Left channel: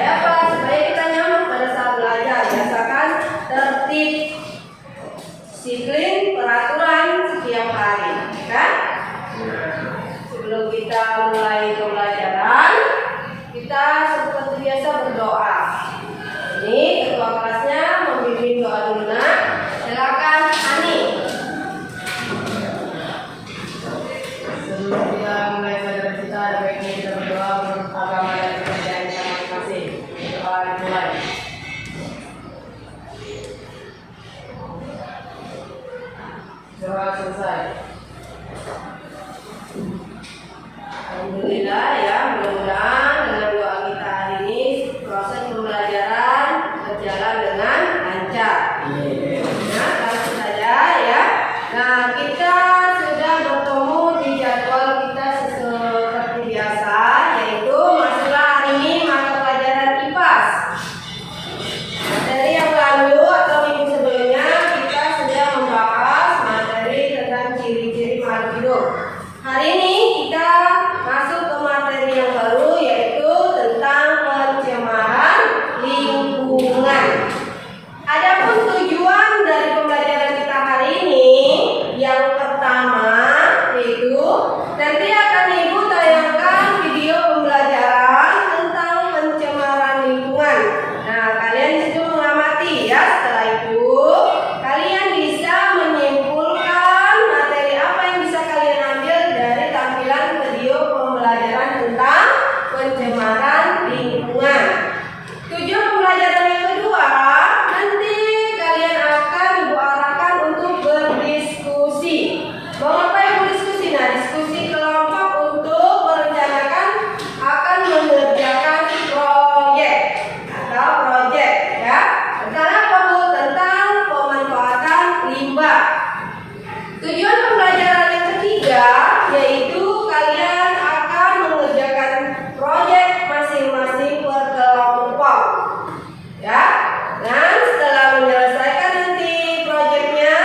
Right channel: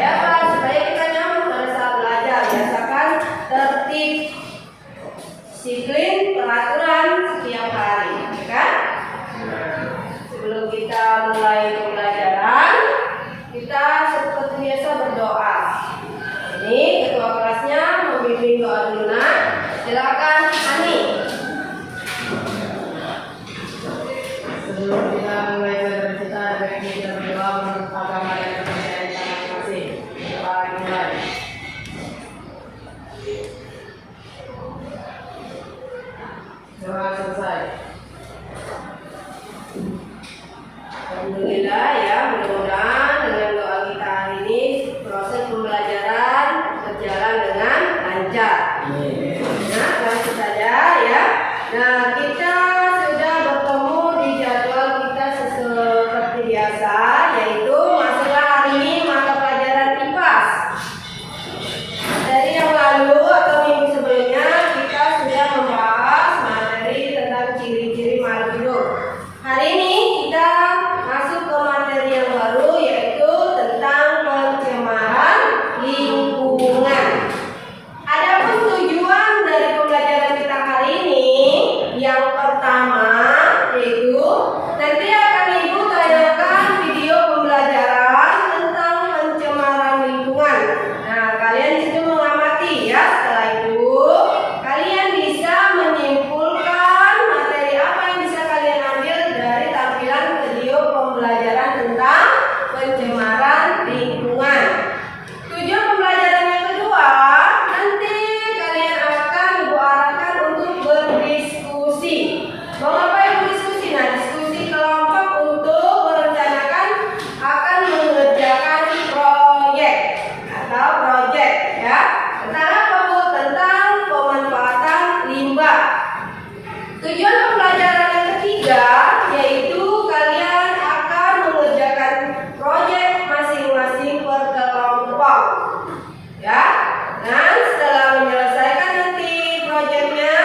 Supaya apa? Supaya kita nyaman pada saat belajar. Biasakan tertib, disiplin, peraturan setiap hari, kan? Sebelum kita mulai pembelajaran, kita seperti biasa berdoa. Ini ketua kelasnya membimbing doa dulu, nak. Silakan, Ani. Sebelum kita mulai belajar kita, baiknya kita berdoa menurut agama dan kepercayaan kita masing-masing. Mari mulai. Doa selesai. Alhamdulillah ya, mudah-mudahan dengan doa kita hari ini proses pembelajaran berjalan dengan lancar. Nah, langsung saja ya. Nah, kita sudah bertemu di jadwal kita seperti biasa, yaitu masalah hari ini mata pelajaran IPAS. Dari yang lalu atau minggu sebelumnya kita sudah membahas materi tentang ciri-ciri makhluk hidup. Hari ini kita masuk ke materi yang baru, yaitu tentang pencemaran lingkungan. Adapun tujuan dari pembelajaran kita hari ini, yang pertama yaitu nanti akan Ibu tayangkan video pembelajaran tentang pencemaran lingkungan. Nah, kalian disitu mengamati ya. Setelah itu kalian bisa menyimpulkan materi apa yang bisa kalian ambil dari tampilan video pembelajaran tentang pencemaran lingkungan. Tujuan pembelajaran yang kedua, nanti kalian akan Ibu arahkan untuk berdiskusi. Mau apa Ibu diskusi? Nah, diskusi kelompok untuk merencanakan akan mengerjakan proyek atau proyek ya. Tentang apa Bu? Tentang pemanfaatan limbah. Tujuan pembelajaran yang ketiga yaitu kalian akan mengerjakan proyek masing-masing per kelompok ya. Dan setelah menyelesaikan nanti proyeknya,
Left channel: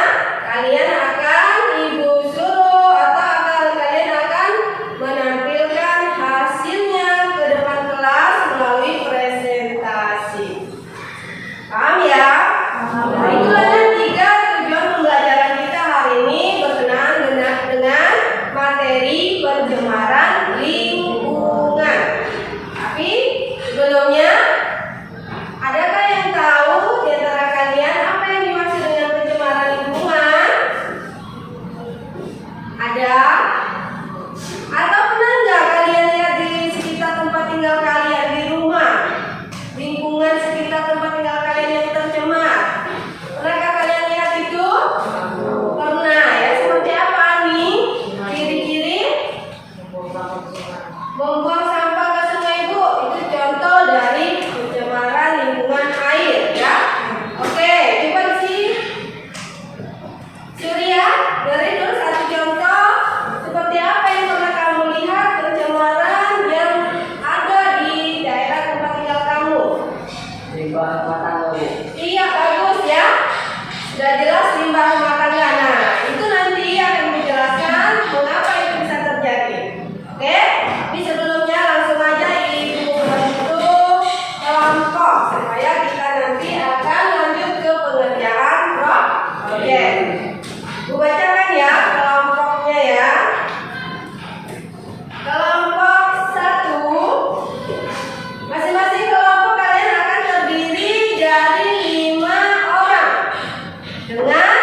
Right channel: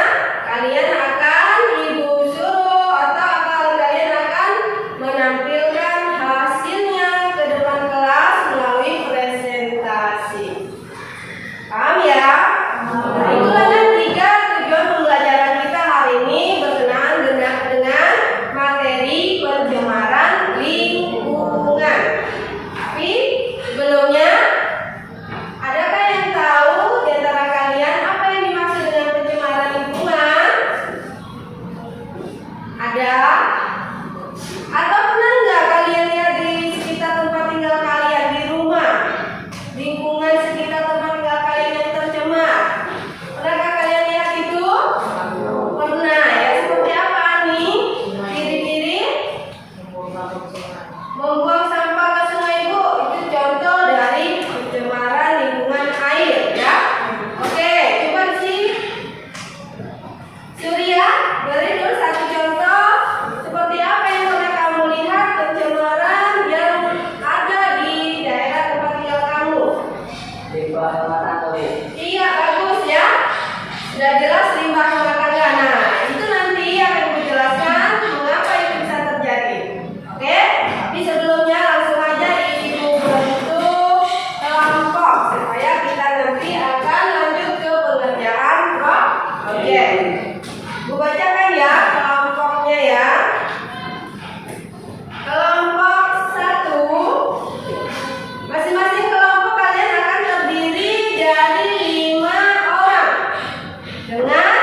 kalian akan Ibu suruh atau kalian akan menampilkan hasilnya ke depan kelas melalui presentasi. Paham ya? Nah, itulah dan tiga tujuan pembelajaran kita hari ini berkenaan dengan materi pencemaran lingkungan. Tapi sebelumnya, adakah yang tahu di antara kalian apa yang dimaksud dengan pencemaran lingkungan? Ada? Atau pernah nggak kalian lihat di sekitar tempat tinggal kalian, di rumah, lingkungan sekitar tempat tinggal kalian yang tercemar? Pernahkah kalian lihat itu? Pernah ya. Seperti apa nih ciri-ciri? Membuang sampah ke sungai Bu, itu contoh dari pencemaran lingkungan air ya. Oke, coba sih Surya beri dulu satu contoh seperti apa yang pernah kamu lihat pencemaran yang ada di daerah tempat tinggal kamu. Limbah rumah tangga Bu. Iya, bagus ya. Sudah jelas limbah rumah tangga. Nah, itu nanti akan menjelaskan mengapa itu bisa terjadi. Oke, tapi sebelumnya langsung aja Ibu bentuk kelompok supaya kita nanti akan lanjut ke pengerjaan proyek. Bu bacakan ya kelompoknya ya. Kelompok 1, masing-masing kelompok kalian akan terdiri dari 5 orang dengan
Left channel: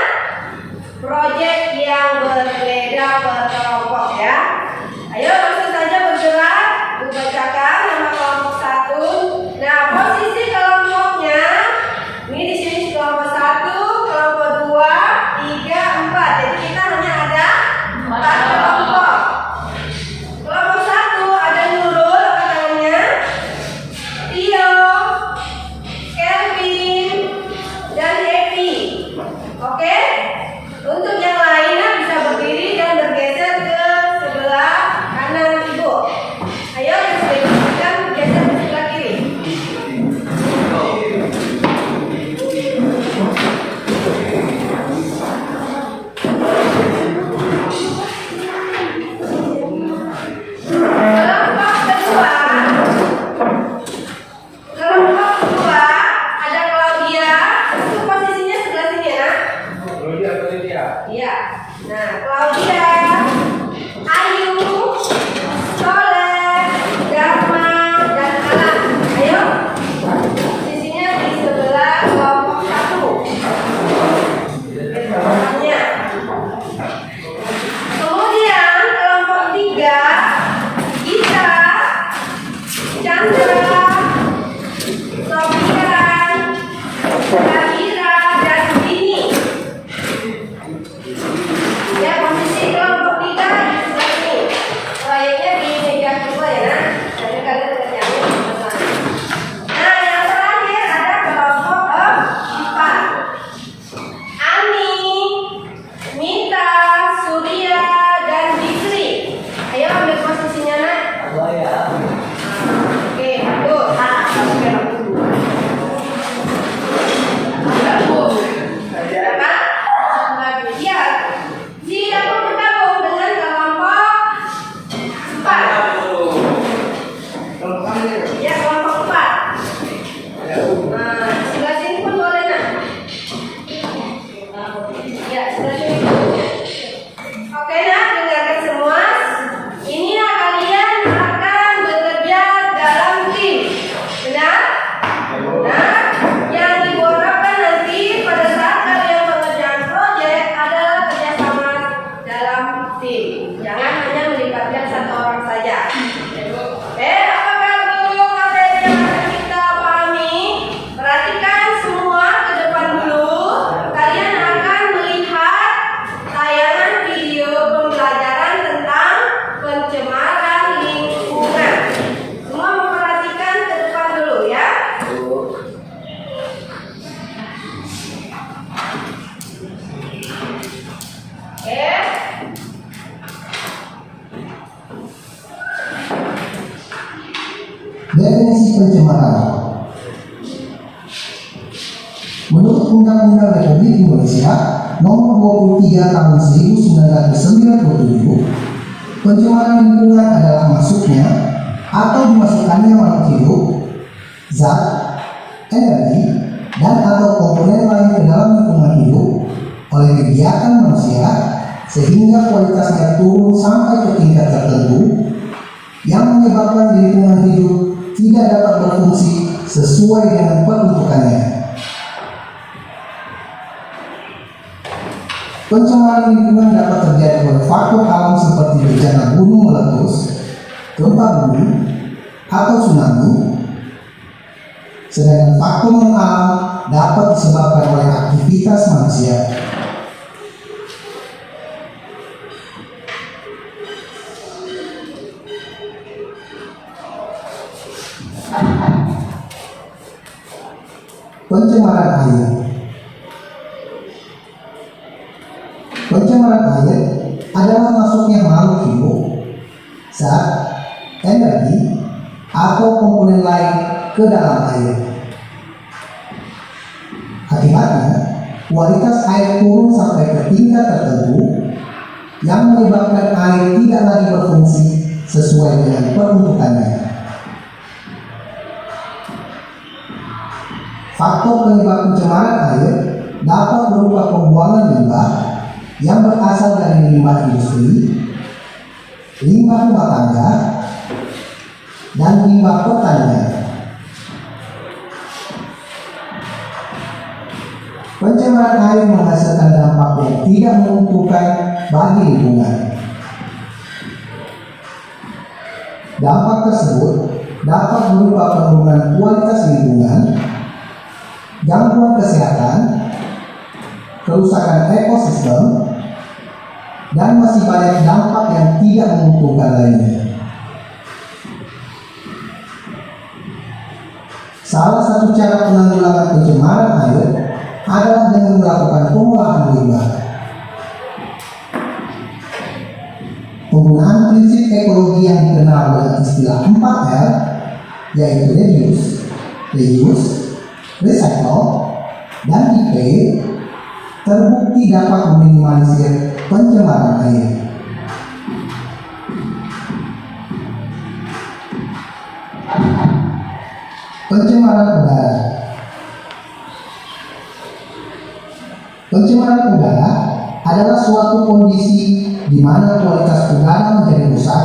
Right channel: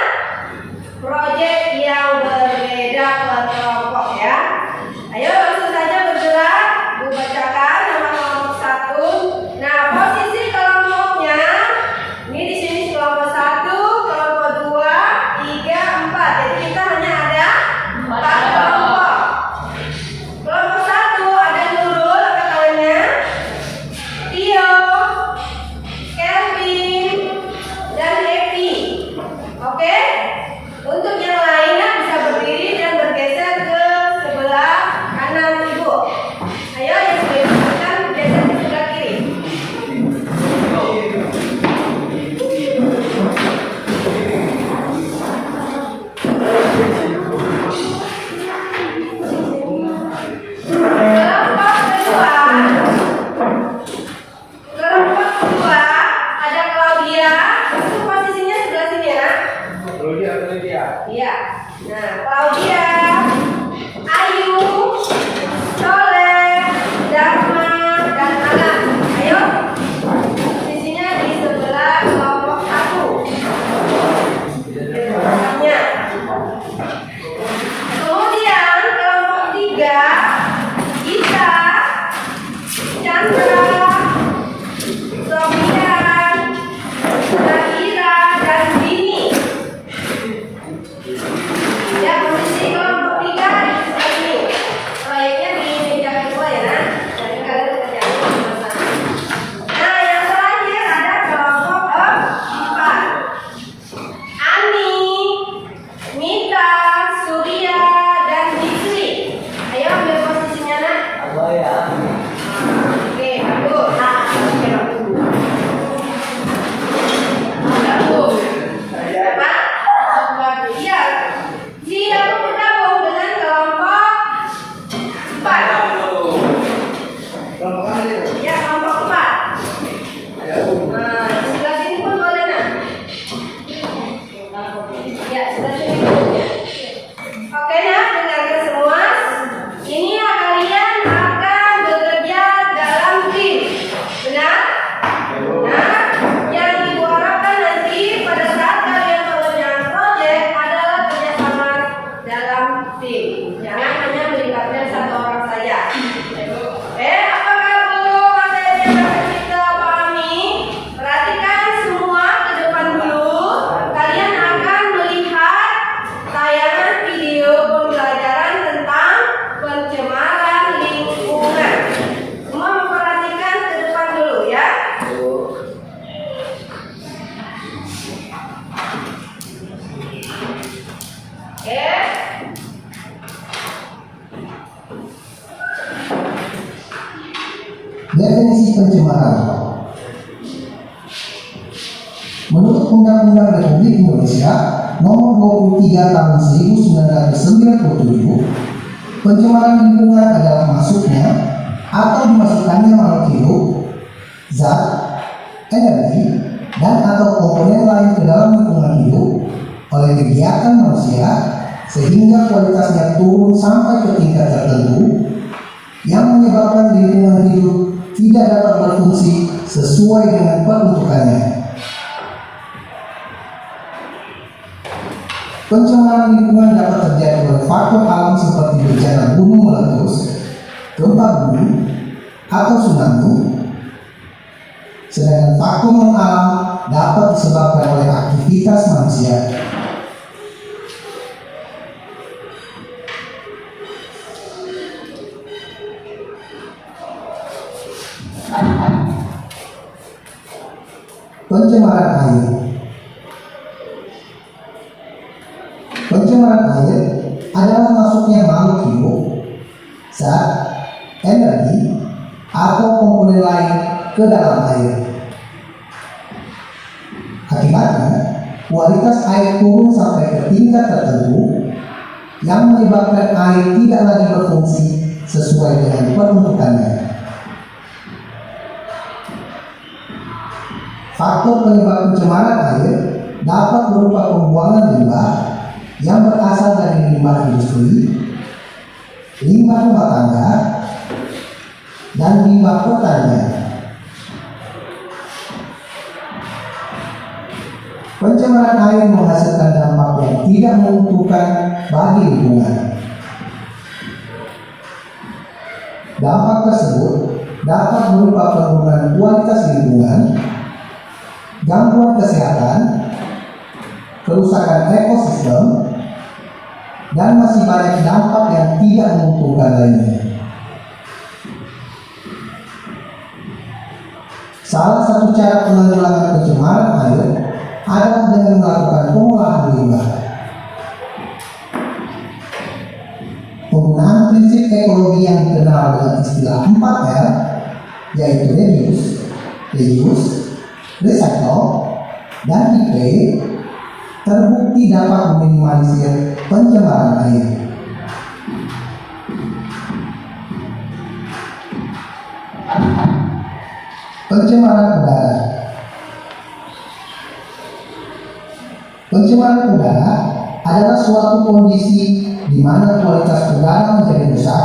Undang-Undang Republik Indonesia Nomor 23 Tahun 1997, pencemaran lingkungan adalah masuknya atau dimasukkannya makhluk hidup, zat, energi, dan atau komponen lain ke dalam lingkungan hidup oleh kegiatan manusia sehingga kualitasnya turun sampai ke tingkat tertentu yang menyebabkan lingkungan hidup tidak dapat berfungsi sesuai dengan peruntukannya. Pencemaran lingkungan dapat terjadi oleh faktor alam seperti bencana gunung meletus, gempa bumi, atau tsunami. Sedangkan faktor non-alam dapat disebabkan oleh aktivitas manusia. Pencemaran air. Pencemaran air adalah masuknya makhluk hidup, zat, energi, atau komponen lain ke dalam air. Akibatnya, kualitas air turun sampai ke tingkat tertentu yang menyebabkan air tidak lagi berfungsi sesuai dengan peruntukannya. Faktor penyebab pencemaran air dapat berupa pembuangan limbah yang berasal dari limbah industri, limbah rumah tangga, dan limbah pertanian. Pencemaran air menghasilkan dampak yang tidak menguntungkan bagi lingkungan. Dampak tersebut dapat berupa penurunan kualitas lingkungan, gangguan kesehatan, kerusakan ekosistem, dan masih banyak dampak yang tidak menguntungkan lainnya. Salah satu cara penanggulangan pencemaran air adalah dengan melakukan pengolahan limbah. Penggunaan prinsip ekologi yang dikenal dengan istilah 4R, yaitu reduce, reuse, recycle, dan repair, terbukti dapat meminimalisir pencemaran air. Pencemaran udara. Pencemaran udara adalah suatu kondisi di mana kualitas udara menjadi rusak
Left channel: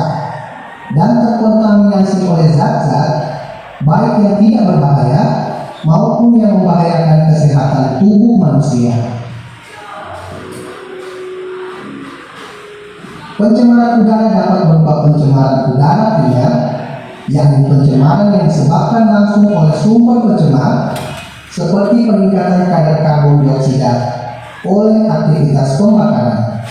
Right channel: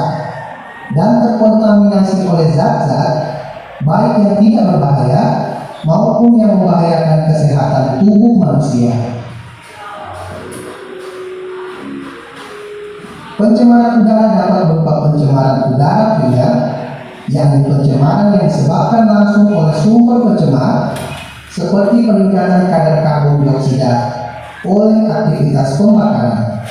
dan terkontaminasi oleh zat-zat baik yang tidak berbahaya maupun yang membahayakan kesehatan tubuh manusia. Pencemaran udara dapat berupa pencemaran udara primer, yakni pencemaran yang disebabkan langsung oleh sumber pencemar seperti peningkatan kadar karbon dioksida oleh aktivitas pembakaran.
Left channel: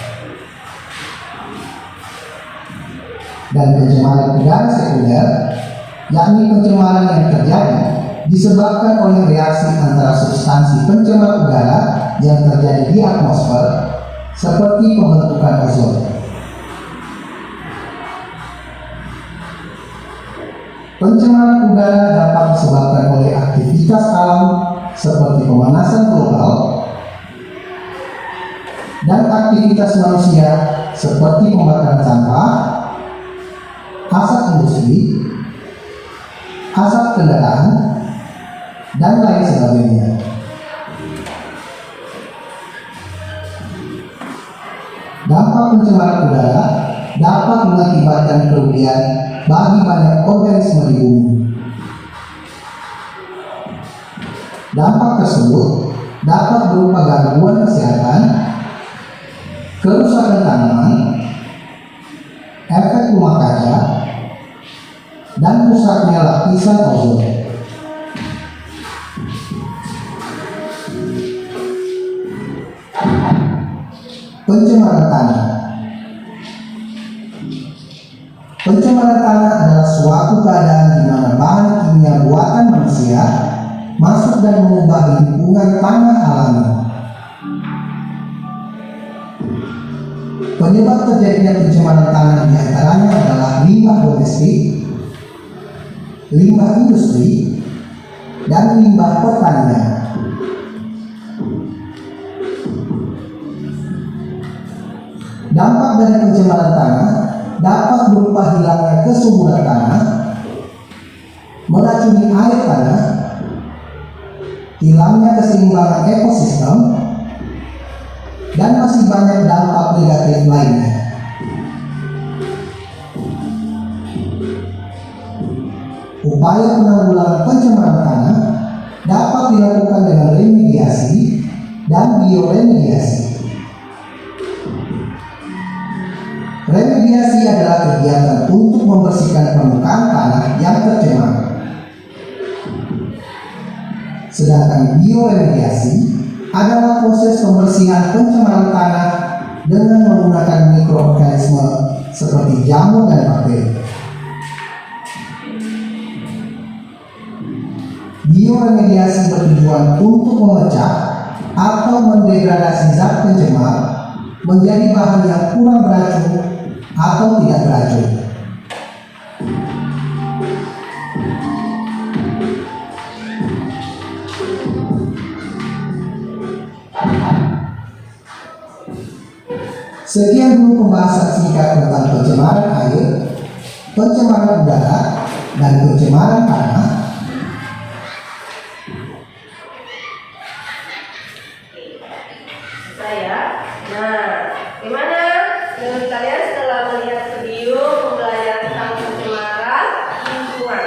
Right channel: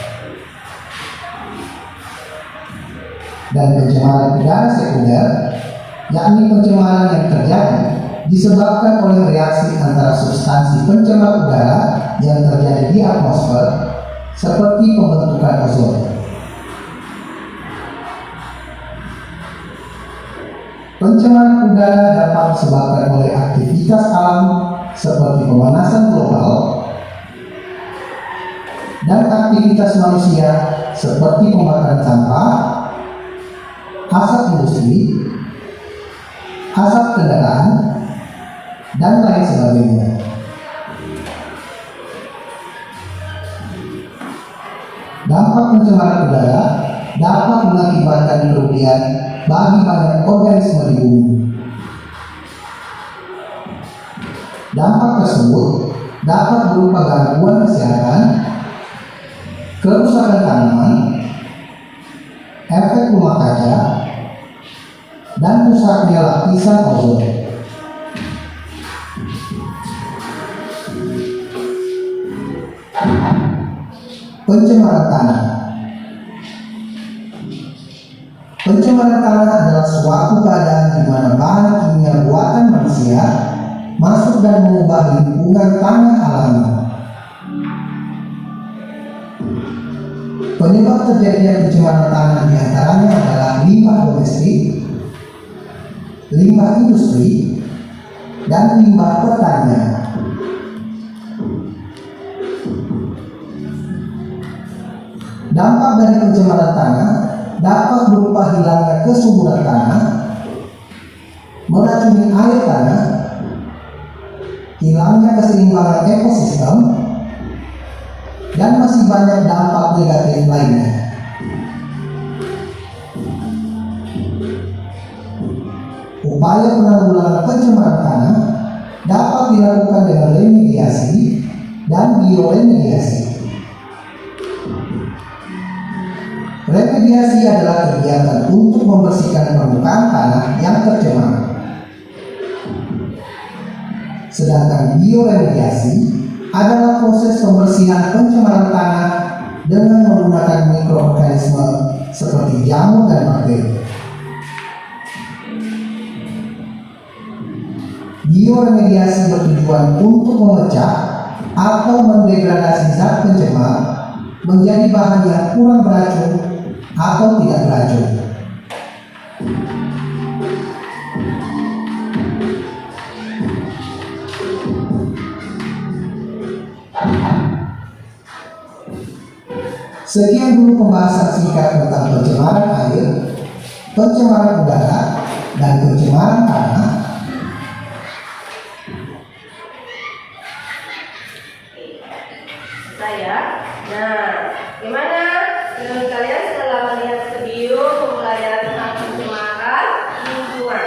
Dan pencemaran udara sekunder, yakni pencemaran yang terjadi disebabkan oleh reaksi antara substansi pencemar udara yang terjadi di atmosfer seperti pembentukan ozon. Pencemaran udara dapat disebabkan oleh aktivitas alam seperti pemanasan global dan aktivitas manusia seperti pembakaran sampah, asap industri, asap kendaraan, dan lain sebagainya. Dampak pencemaran udara dapat mengakibatkan kerugian bagi banyak organisme di bumi. Dampak tersebut dapat berupa gangguan kesehatan, kerusakan tanaman, efek rumah kaca, dan rusaknya lapisan ozon. Pencemaran tanah. Pencemaran tanah adalah suatu keadaan di mana bahan kimia buatan manusia masuk dan mengubah lingkungan tanah alami. Penyebab terjadinya pencemaran tanah diantaranya adalah limbah domestik, limbah industri, dan limbah pertanian. Dampak dari pencemaran tanah dapat berupa hilangnya kesuburan tanah, meracuni air tanah, hilangnya keseimbangan ekosistem, dan masih banyak dampak negatif lainnya. Upaya penanggulangan pencemaran tanah dapat dilakukan dengan remediasi dan bioremediasi. Remediasi adalah kegiatan untuk membersihkan permukaan tanah yang tercemar. Sedangkan bioremediasi adalah proses pembersihan pencemaran tanah dengan menggunakan mikroorganisme seperti jamur dan bakteri. Bioremediasi bertujuan untuk memecah atau mendegradasi zat pencemar menjadi bahan yang kurang beracun atau tidak beracun. Sekian dulu pembahasan singkat tentang pencemaran air, pencemaran udara, dan pencemaran tanah. Nah, gimana menurut kalian setelah melihat video pembelajaran tentang pencemaran lingkungan?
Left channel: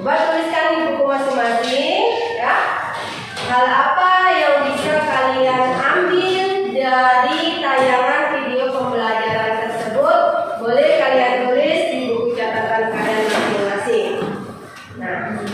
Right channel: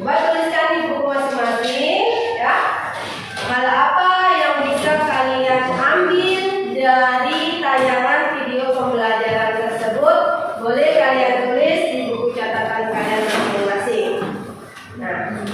Coba tuliskan di buku masing-masing, ya. Hal apa yang bisa kalian ambil dari tayangan video pembelajaran tersebut? Boleh kalian tulis di buku catatan kalian masing-masing. Nah,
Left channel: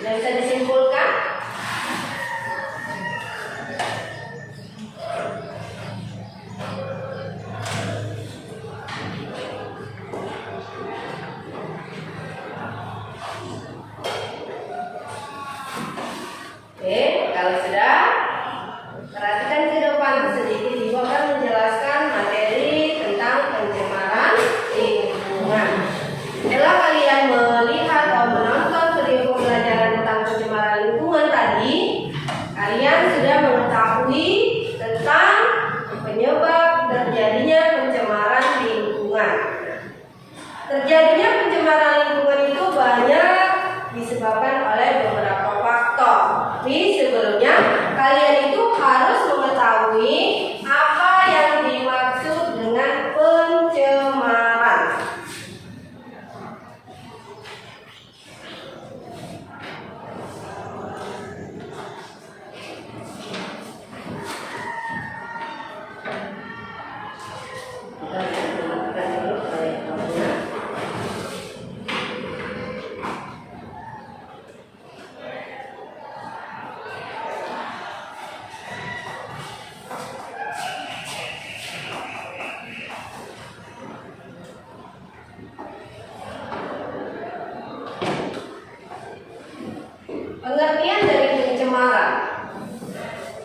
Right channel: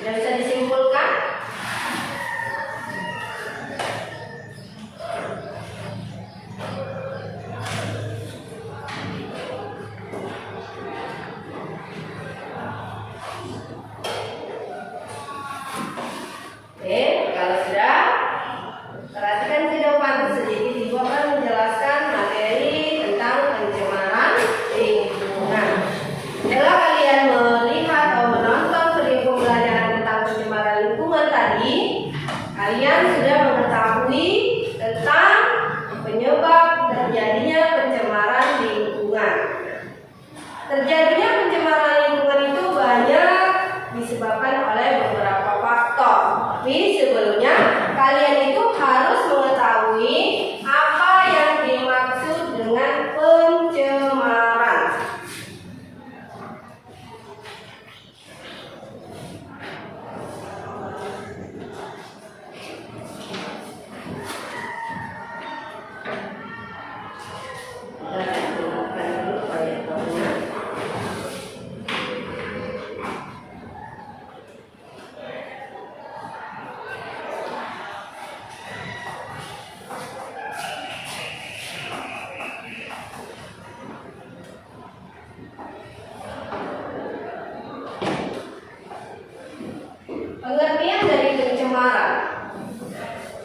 tidak bisa disimpulkan? Oke, kalau sudah, perhatikan ke depan sedikit. Ibu akan menjelaskan materi tentang pencemaran lingkungan. Setelah kalian melihat atau menonton video pembelajaran tentang pencemaran lingkungan tadi, kalian sudah mengetahui tentang penyebab terjadinya pencemaran lingkungan. Terjadinya pencemaran lingkungan itu banyak disebabkan oleh beberapa faktor. Tapi sebelumnya kalian itu harus mengetahui apa yang dimaksud dengan pencemaran. Pengertian dari pencemaran.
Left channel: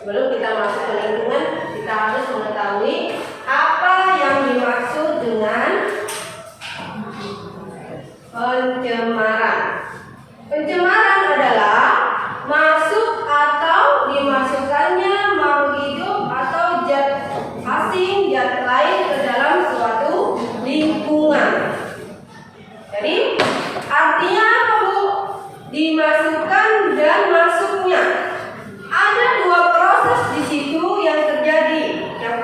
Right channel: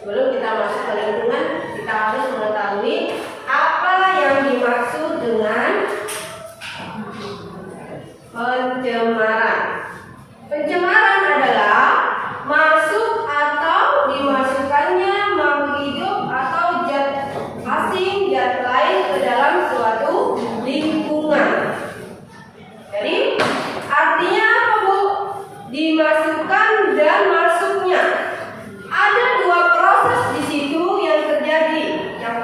Sebelum kita masuk ke lingkungan, kita harus mengetahui apa yang dimaksud dengan pencemaran. Pencemaran adalah masuk atau dimasukkannya makhluk hidup atau zat asing, zat lain ke dalam suatu lingkungan. Jadi artinya apa, Bu? Dimasukkan dan masuknya. Ada dua proses di situ yang terjadi. Yang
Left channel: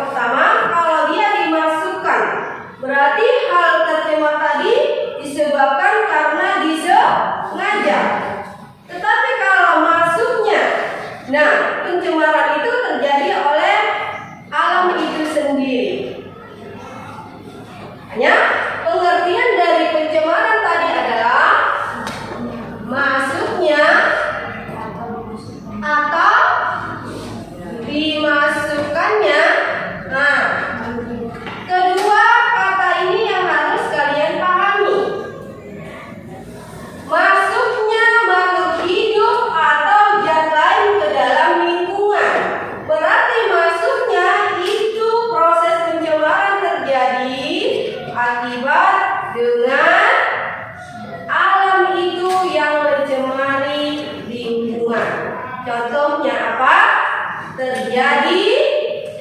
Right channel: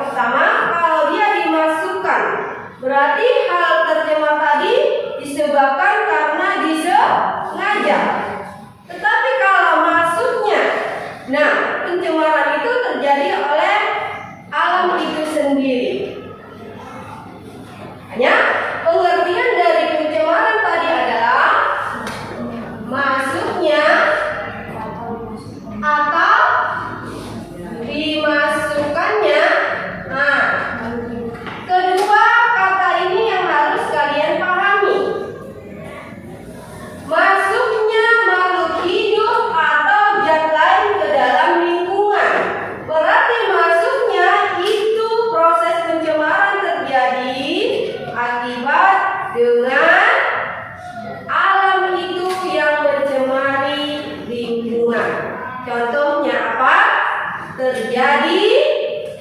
terjadi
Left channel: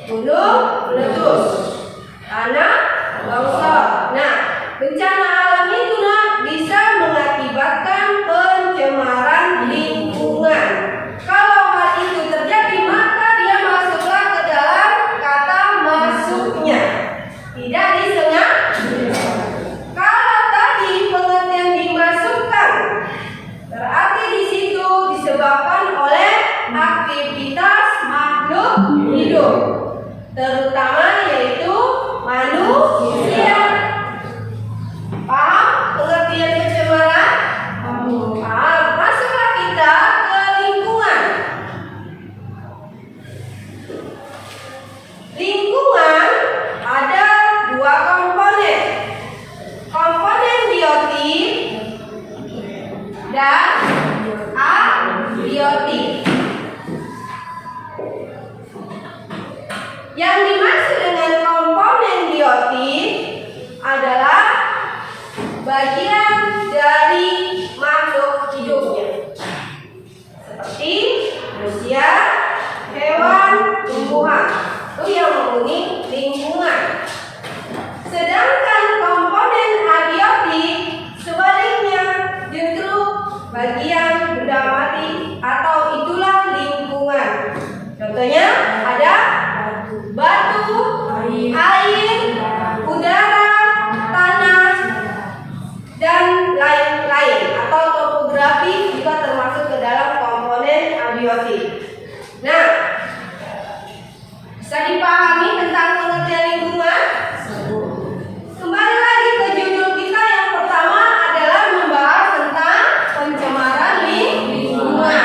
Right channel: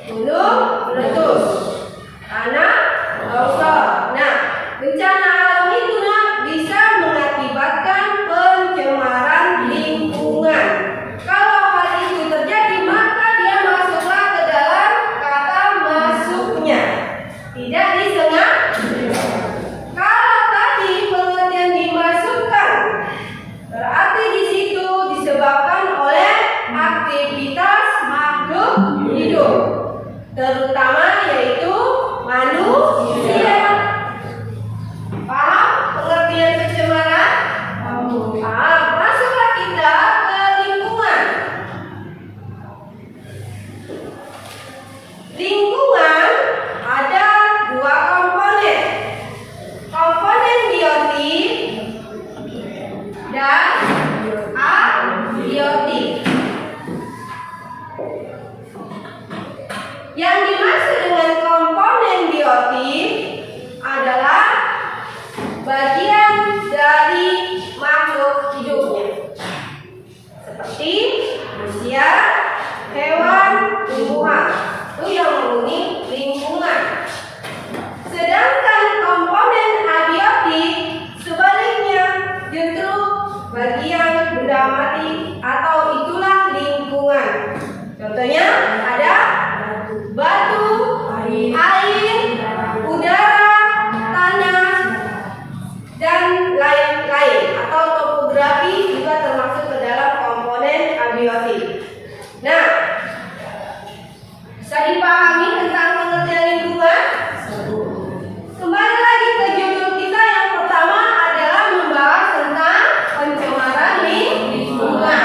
gunung meletus, tanah longsor. Nah, bencana alam itu bisa mengakibatkan pencemaran lingkungan. Kalau hal itu terjadi, maka dia masuklah ke dalam kata masuknya, tidak disengaja. Kalau tadi pengertian dimasukkan, berarti di situ disebabkan oleh aktivitas makhluk hidup, terutama yaitu manusia. Paham pengertian pencemaran? Paham. Masuklah kita ke lingkungan. Lingkungan ada dua komponen. Komponen biotik dan abiotik. Yang dimaksud dengan komponen biotik adalah bagian dari makhluk hidupnya, seperti manusia, hewan, tumbuhan. Itu yang menghuni lingkungan. Sedangkan komponen abiotik sebaliknya, justru bagian benda mati atau itulah lingkungan. Contohnya ada batu, air, udara, tanah, dan lain-lain, atau topografi juga termasuk ke dalam komponen abiotik. Nah, bisa dipahami tentang pengertian lingkungan? Kembali lagi ke judul kita yang pertama adalah membahas tentang pencemaran lingkungan.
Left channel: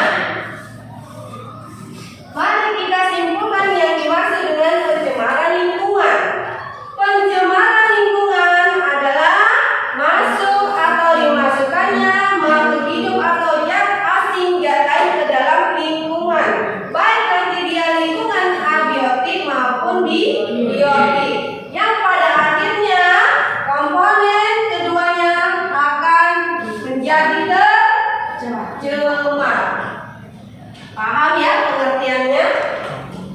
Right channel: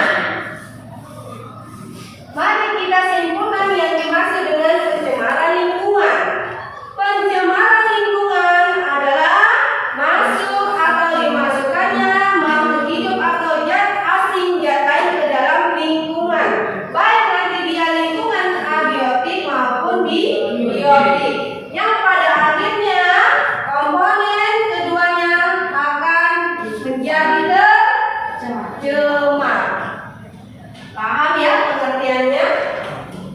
Mari kita simpulkan yang dimaksud dengan pencemaran lingkungan. Pencemaran lingkungan adalah masuk atau dimasukkannya makhluk hidup atau zat asing zat lain ke dalam lingkungan, baik nanti dia lingkungan abiotik maupun biotik, yang pada akhirnya komponen keduanya akan menjadi tercemar. Paham ya pengertiannya?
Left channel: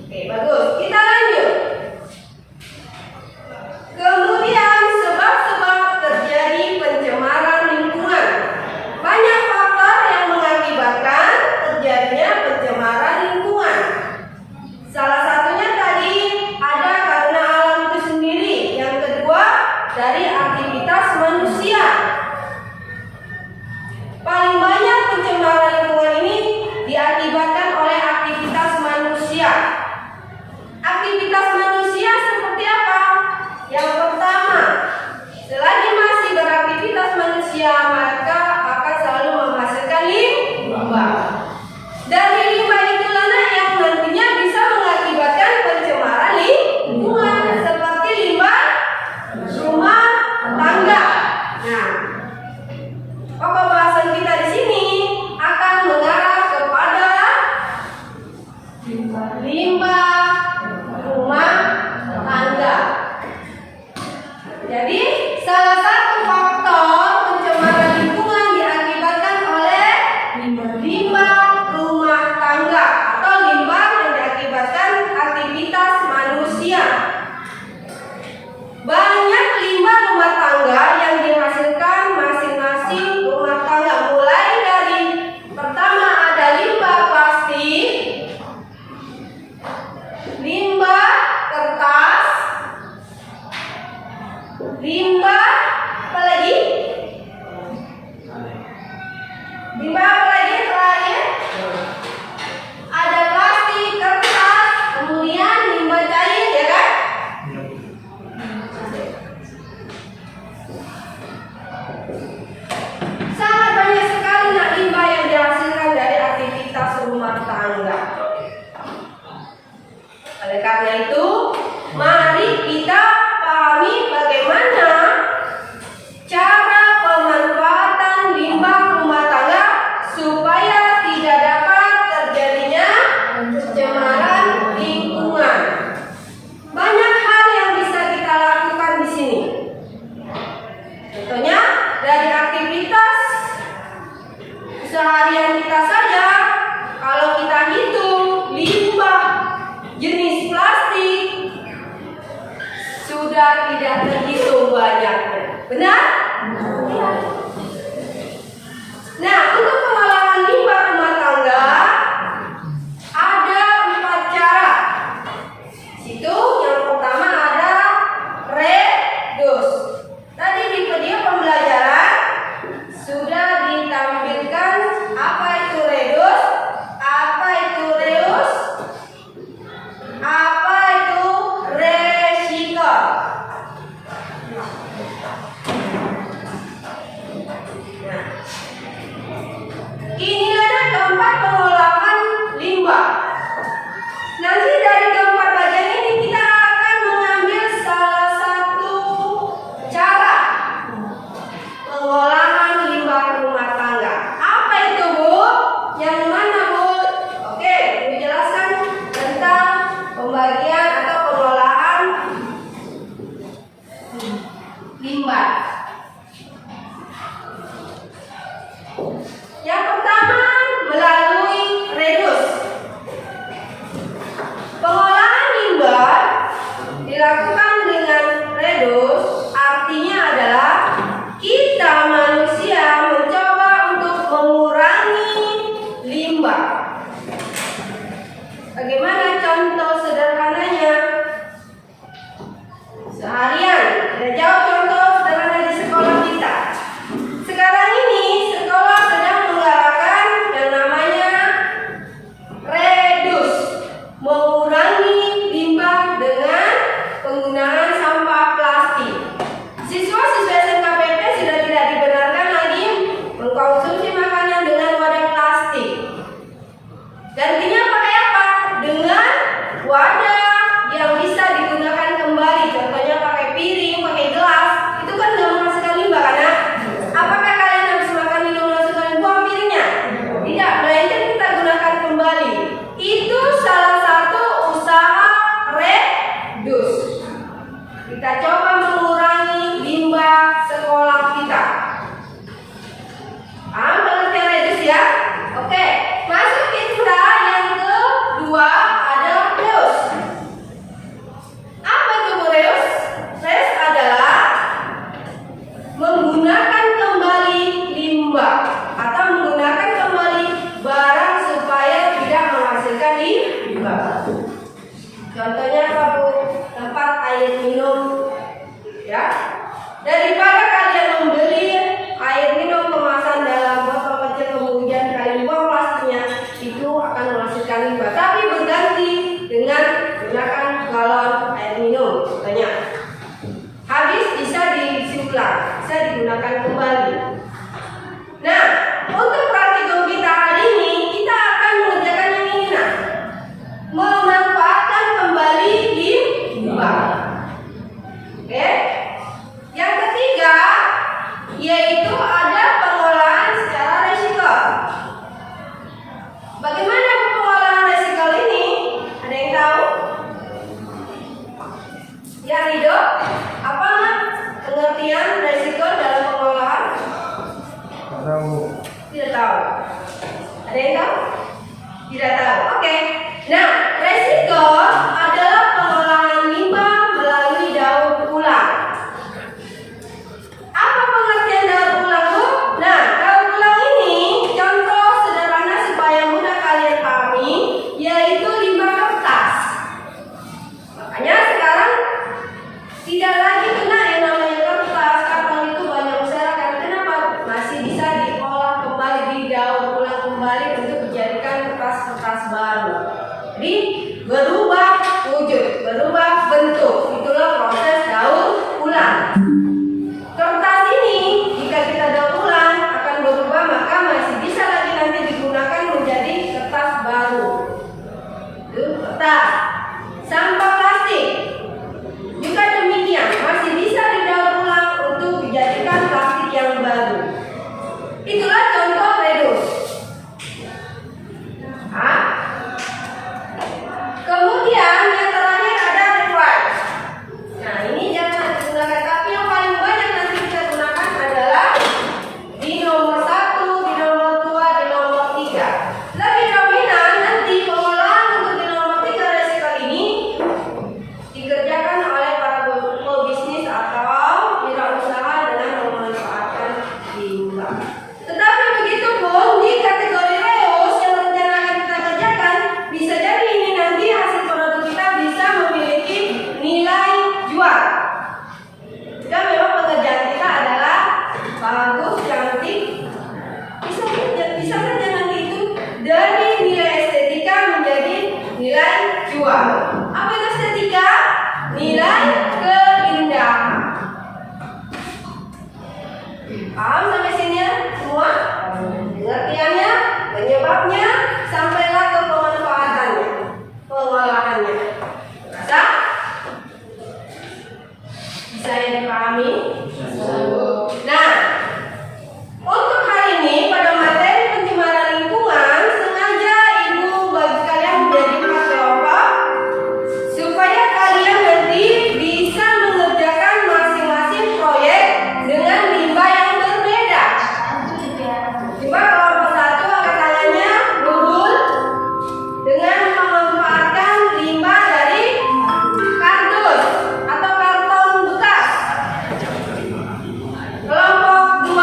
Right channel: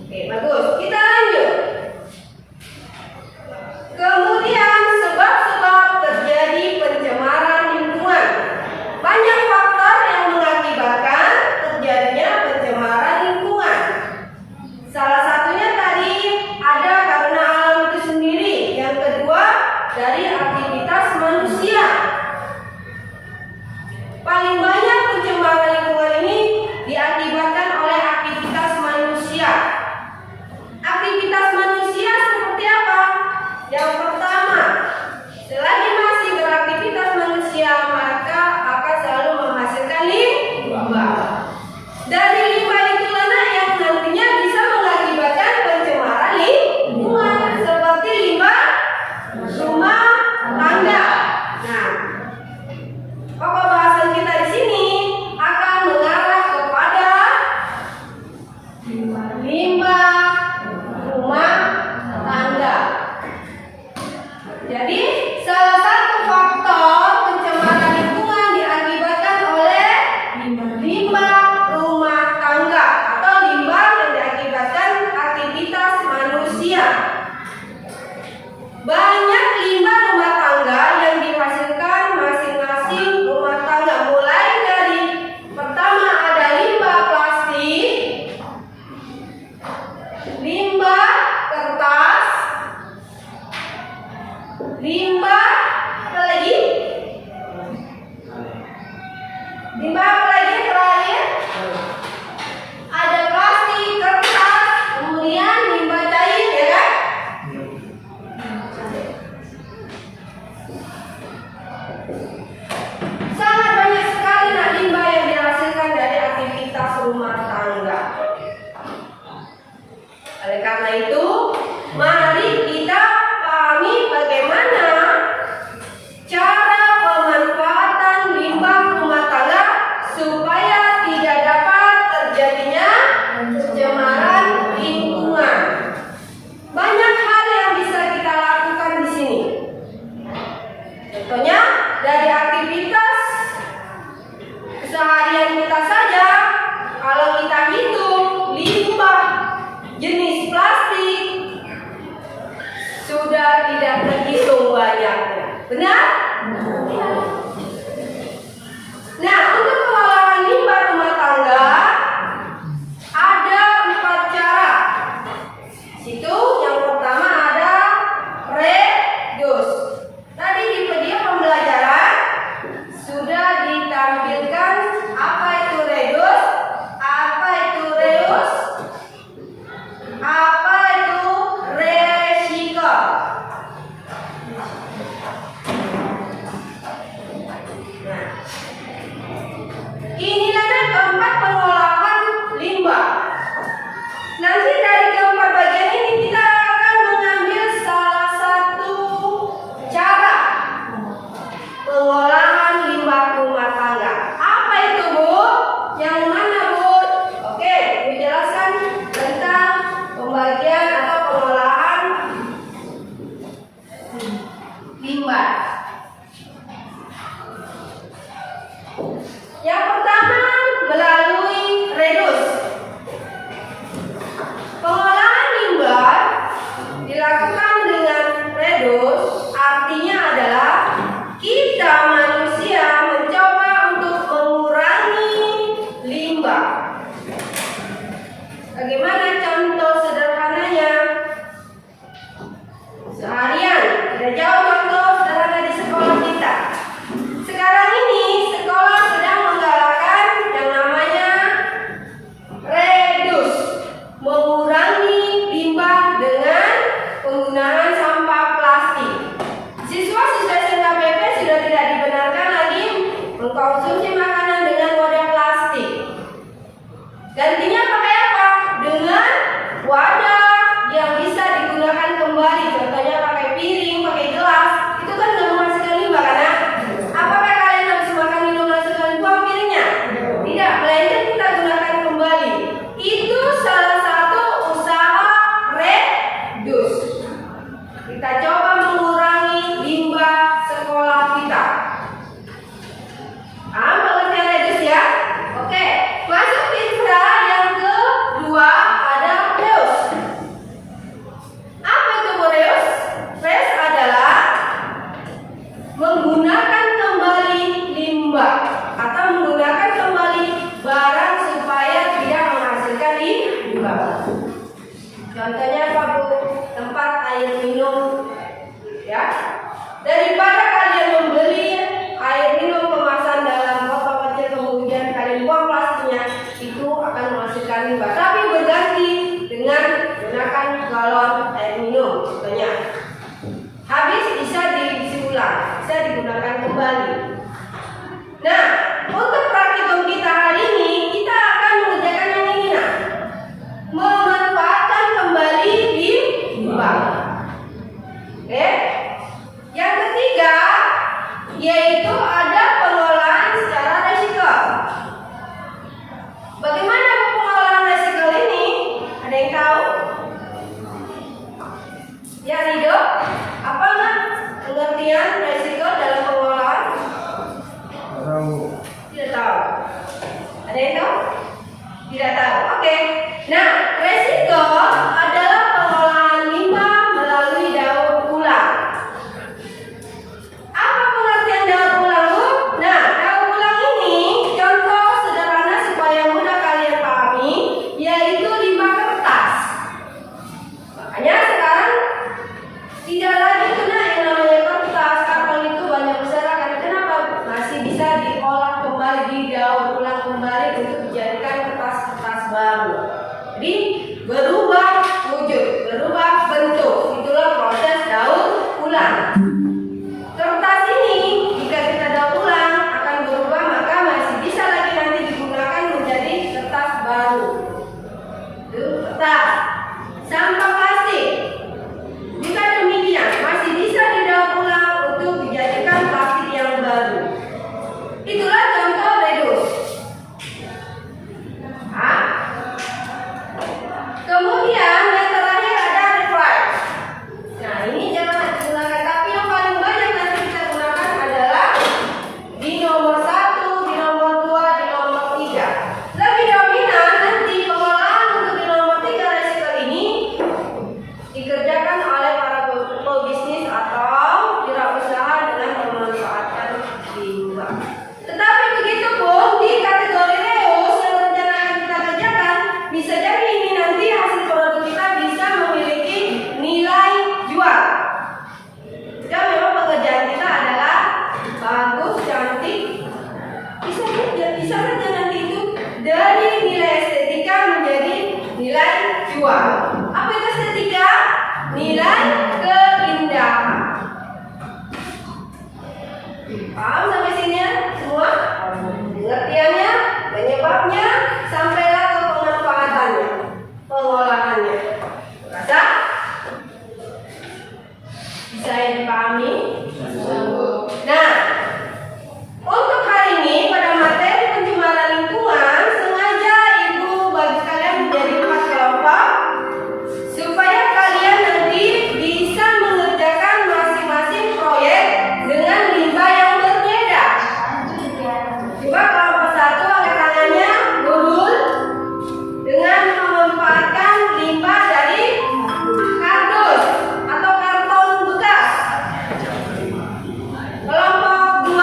Oke, bagus. Kita lanjut. Kemudian sebab-sebab terjadi pencemaran lingkungan. Banyak faktor yang mengakibatkan terjadinya pencemaran lingkungan. Salah satunya tadi ada karena alam itu sendiri. Yang kedua dari aktivitas manusia. Paling banyak pencemaran lingkungan ini diakibatkan oleh aktivitas manusia. jenis plastik sudah tidak terhitung banyaknya. Benar? Nah, untuk pengolahan limbah rumah tangga ada 4 cara. Situ yang pertama ada redus. Tadi di video pembelajaran sudah ditampilkan apa itu redus, apa itu reus, apa itu recycle. Nah, inilah keempat pengolahan limbah. Nanti dari keempat bagian ini kita akan mengambil salah satu cara pengolahan limbah rumah tangga. Apa itu, Bu? Yang mana, Bu? Oke, Ibu jelaskan tentang pembagian atau pengolahan limbah. Yang pertama melalui redus. Pengolahan limbah dilakukan dengan redus, artinya adalah kita manusia mencoba untuk mengurangi limbah. Bagaimana contoh sederhananya? Seharian, tidak jauh contoh sederhana di sekolah kita. Sekarang ini sekolah sedang menggalakkan yang namanya redus, mengurangi limbah dengan penggunaan sampah plastik. Siswa-siswa SMKPP sudah tidak dibenarkan lagi mengkonsumsi makanan dengan wadah plastik. Gantinya pakai apa? Dengan wadah yang bisa digunakan kembali. Contohnya pakai piring, pakai gelas. Itu kan nggak menghasilkan limbah, karena apakah kalian habis makan minum langsung kalian buang piringnya? Tidak, melainkan kita gunakan kembali. Itu salah satu usaha redus. Kita coba mengurangi limbah sekolah kita. Pengertian redus ya? Oke, masuk Fitra yang kedua ada reus. Apa itu, Bu, reus? Reus adalah menggunakan kembali limbah atau menggunakan kembali barang supaya tidak menghasilkan limbah. Contohnya apa, Bu? Tempat air minum, ya. Daripada kalian membeli air minum kemasan dalam botol kecil kemudian kalian buang plastiknya, itu akan menghasilkan limbah. Tapi berganti dengan menggunakan galon air minum, contohnya. Habis bisa diisi ulang, bisa digunakan kembali. Nah, untuk praktikum kita hari ini, kita akan mengerjakan yang ini, nah. Memanfaatkan kembali limbah. Oke. Yang ketiga yaitu ada pengolahan secara recycle. Bagaimana pengolahan recycle ini? Ada yang tahu? Ya, Rido? Apa pengertian recycle dalam pengolahan? Tidak tahu. Ada yang tahu? Tidak tahu. Oke. Nah, recycle adalah pengolahan limbah melalui daur ulang. Apa pengertian daur ulang, Bu? Nah, daur ulang ini contoh sederhana supaya mudah kalian pahami, yaitu limbah kertas. Makanya sekarang tidak lagi kena yang namanya kertas, karton itu banyak berserakan. Kenapa? Masih bisa diolah kembali, didaur ulang kembali untuk dijadikan kertas-kertas baru. Jadi berubah bisa saja nanti itu dari nilai estetika menjadi nilai jual. Apa itu estetika? Nilai keindahan. Paham sampai sini ya semua? Pengertiannya, penyebabnya, sampailah ke pemanfaatannya, pengolahannya. Rasa? Bisa yang dipahami? Nah, untuk hari ini pada materi pencemaran lingkungan, sengaja Ibu bagi kalian menjadi 4 kelompok supaya kalian nanti bisa mengerjakan masing-masing proyek dengan limbah yang berbeda. Coba kelompok 1 angkat tangannya, Nurul, dengan memanfaatkan limbah dari kardus atau karton bekas. Kelompok 2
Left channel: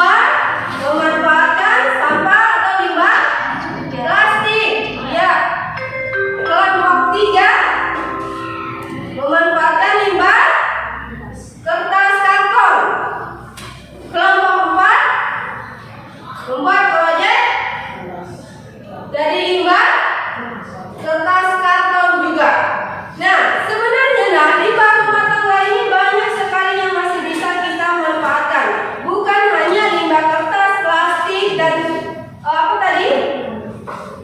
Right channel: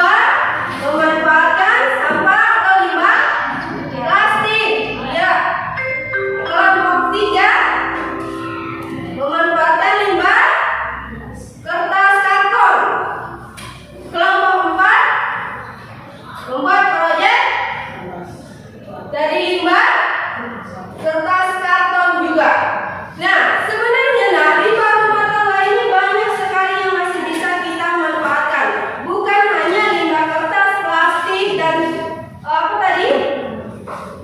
memanfaatkan sampah atau limbah plastik. Ya. Kelompok 3 memanfaatkan limbah kertas karton. Kelompok 4 membuat proyek dari limbah kertas karton juga. Nah, sebenarnya limbah rumah tangga ini banyak sekali yang masih bisa kita manfaatkan. Bukan hanya limbah kertas, plastik dan apa tadi?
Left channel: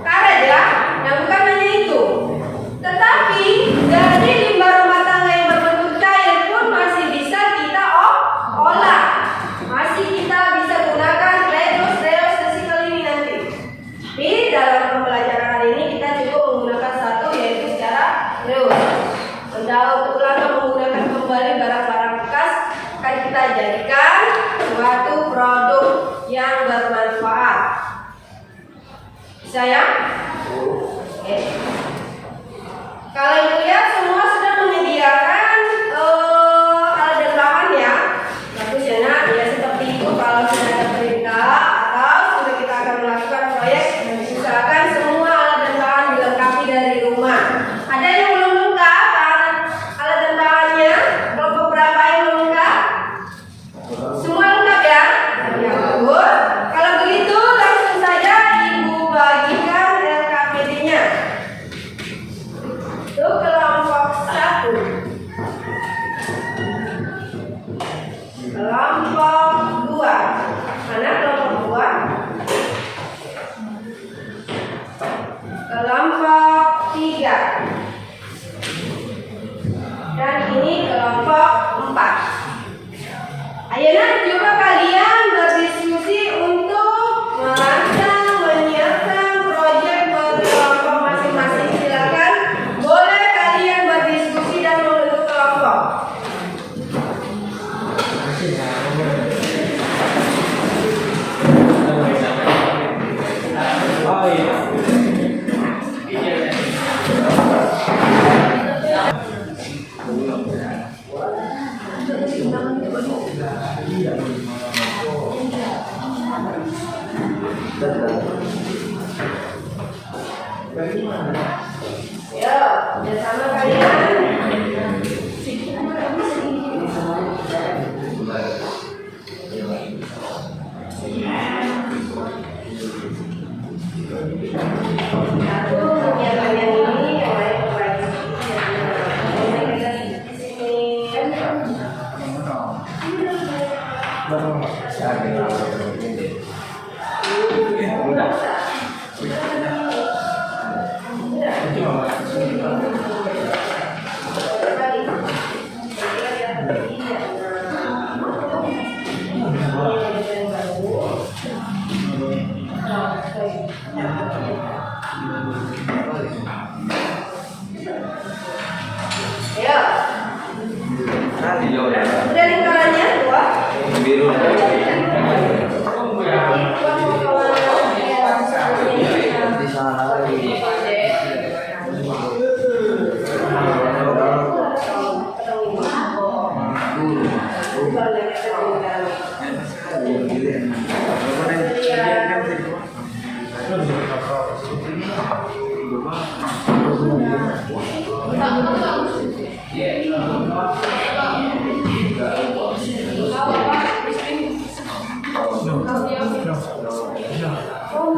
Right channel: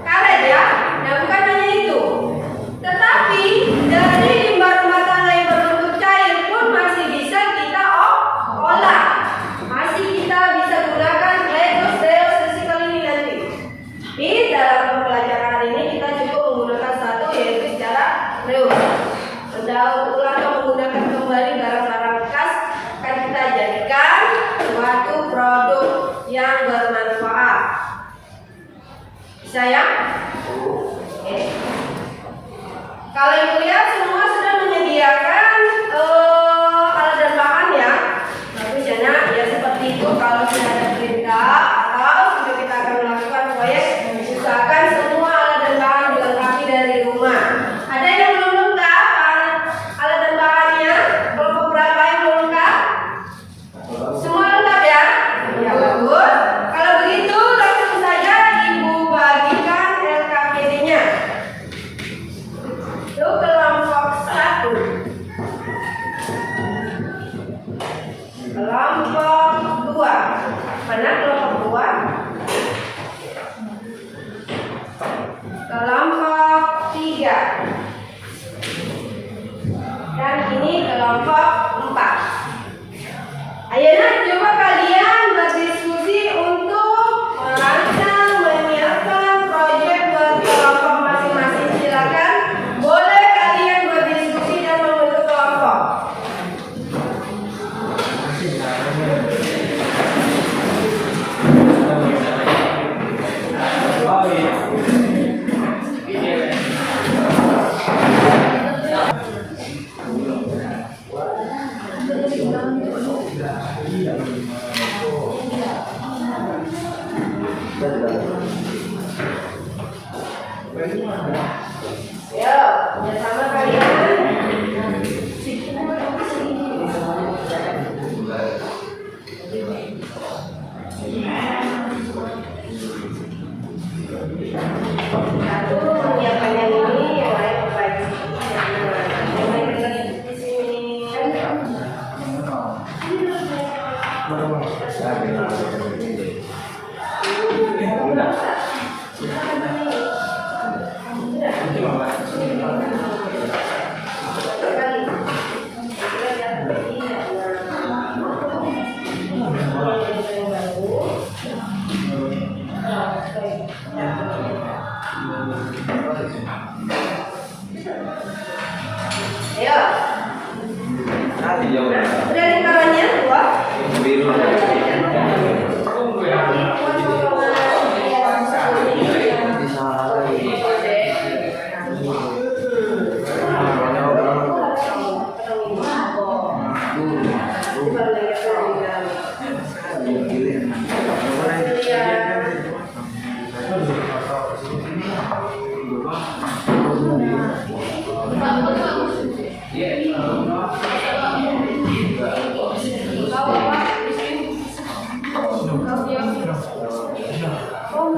Karet ya. Nah, bukan hanya itu. Tetapi dari limbah rumah tangga yang berbentuk cair pun masih bisa kita olah. Masih kita bisa gunakan recycle ini nanti. Di dalam pembelajaran hari ini kita juga menggunakan satu yaitu secara reus. Untuk langkah menggunakan kembali barang-barang bekas akan kita jadikan suatu produk yang bermanfaat. Bisa ya? Oke. Kalau Ibu lihat semua sudah menyediakan alat dan bahan ya. Bagus ya nak, ya seperti itu. Kalau sudah ada perintah atau sudah kita akan melakukan proyek, usahakan semua alat dan bahan dilengkapi dari rumah. Ada yang belum lengkap alat dan bahannya? Kelompok berapa yang belum lengkap? Semua lengkap ya? Ya bagus. Kalau begitu langsung saja Ibu bagikan LKPD-nya. Itu kelompok 1. Kelompok 2. Mana kelompok 2? Kelompok 3. Dan ini kelompok 4. Ayo nak, coba kalian berdiskusi untuk merancang, menyiapkan proyek buat kelompok masing-masing. Silakan, boleh kalian berdiskusi dan membentuk kelompok. Ya, bersama kalian. Satu menyiapkan yang ini, yang lain lagi. Di sini. Ayo. Udah lingkarannya 2. Biru. Di sana lagi. Oh,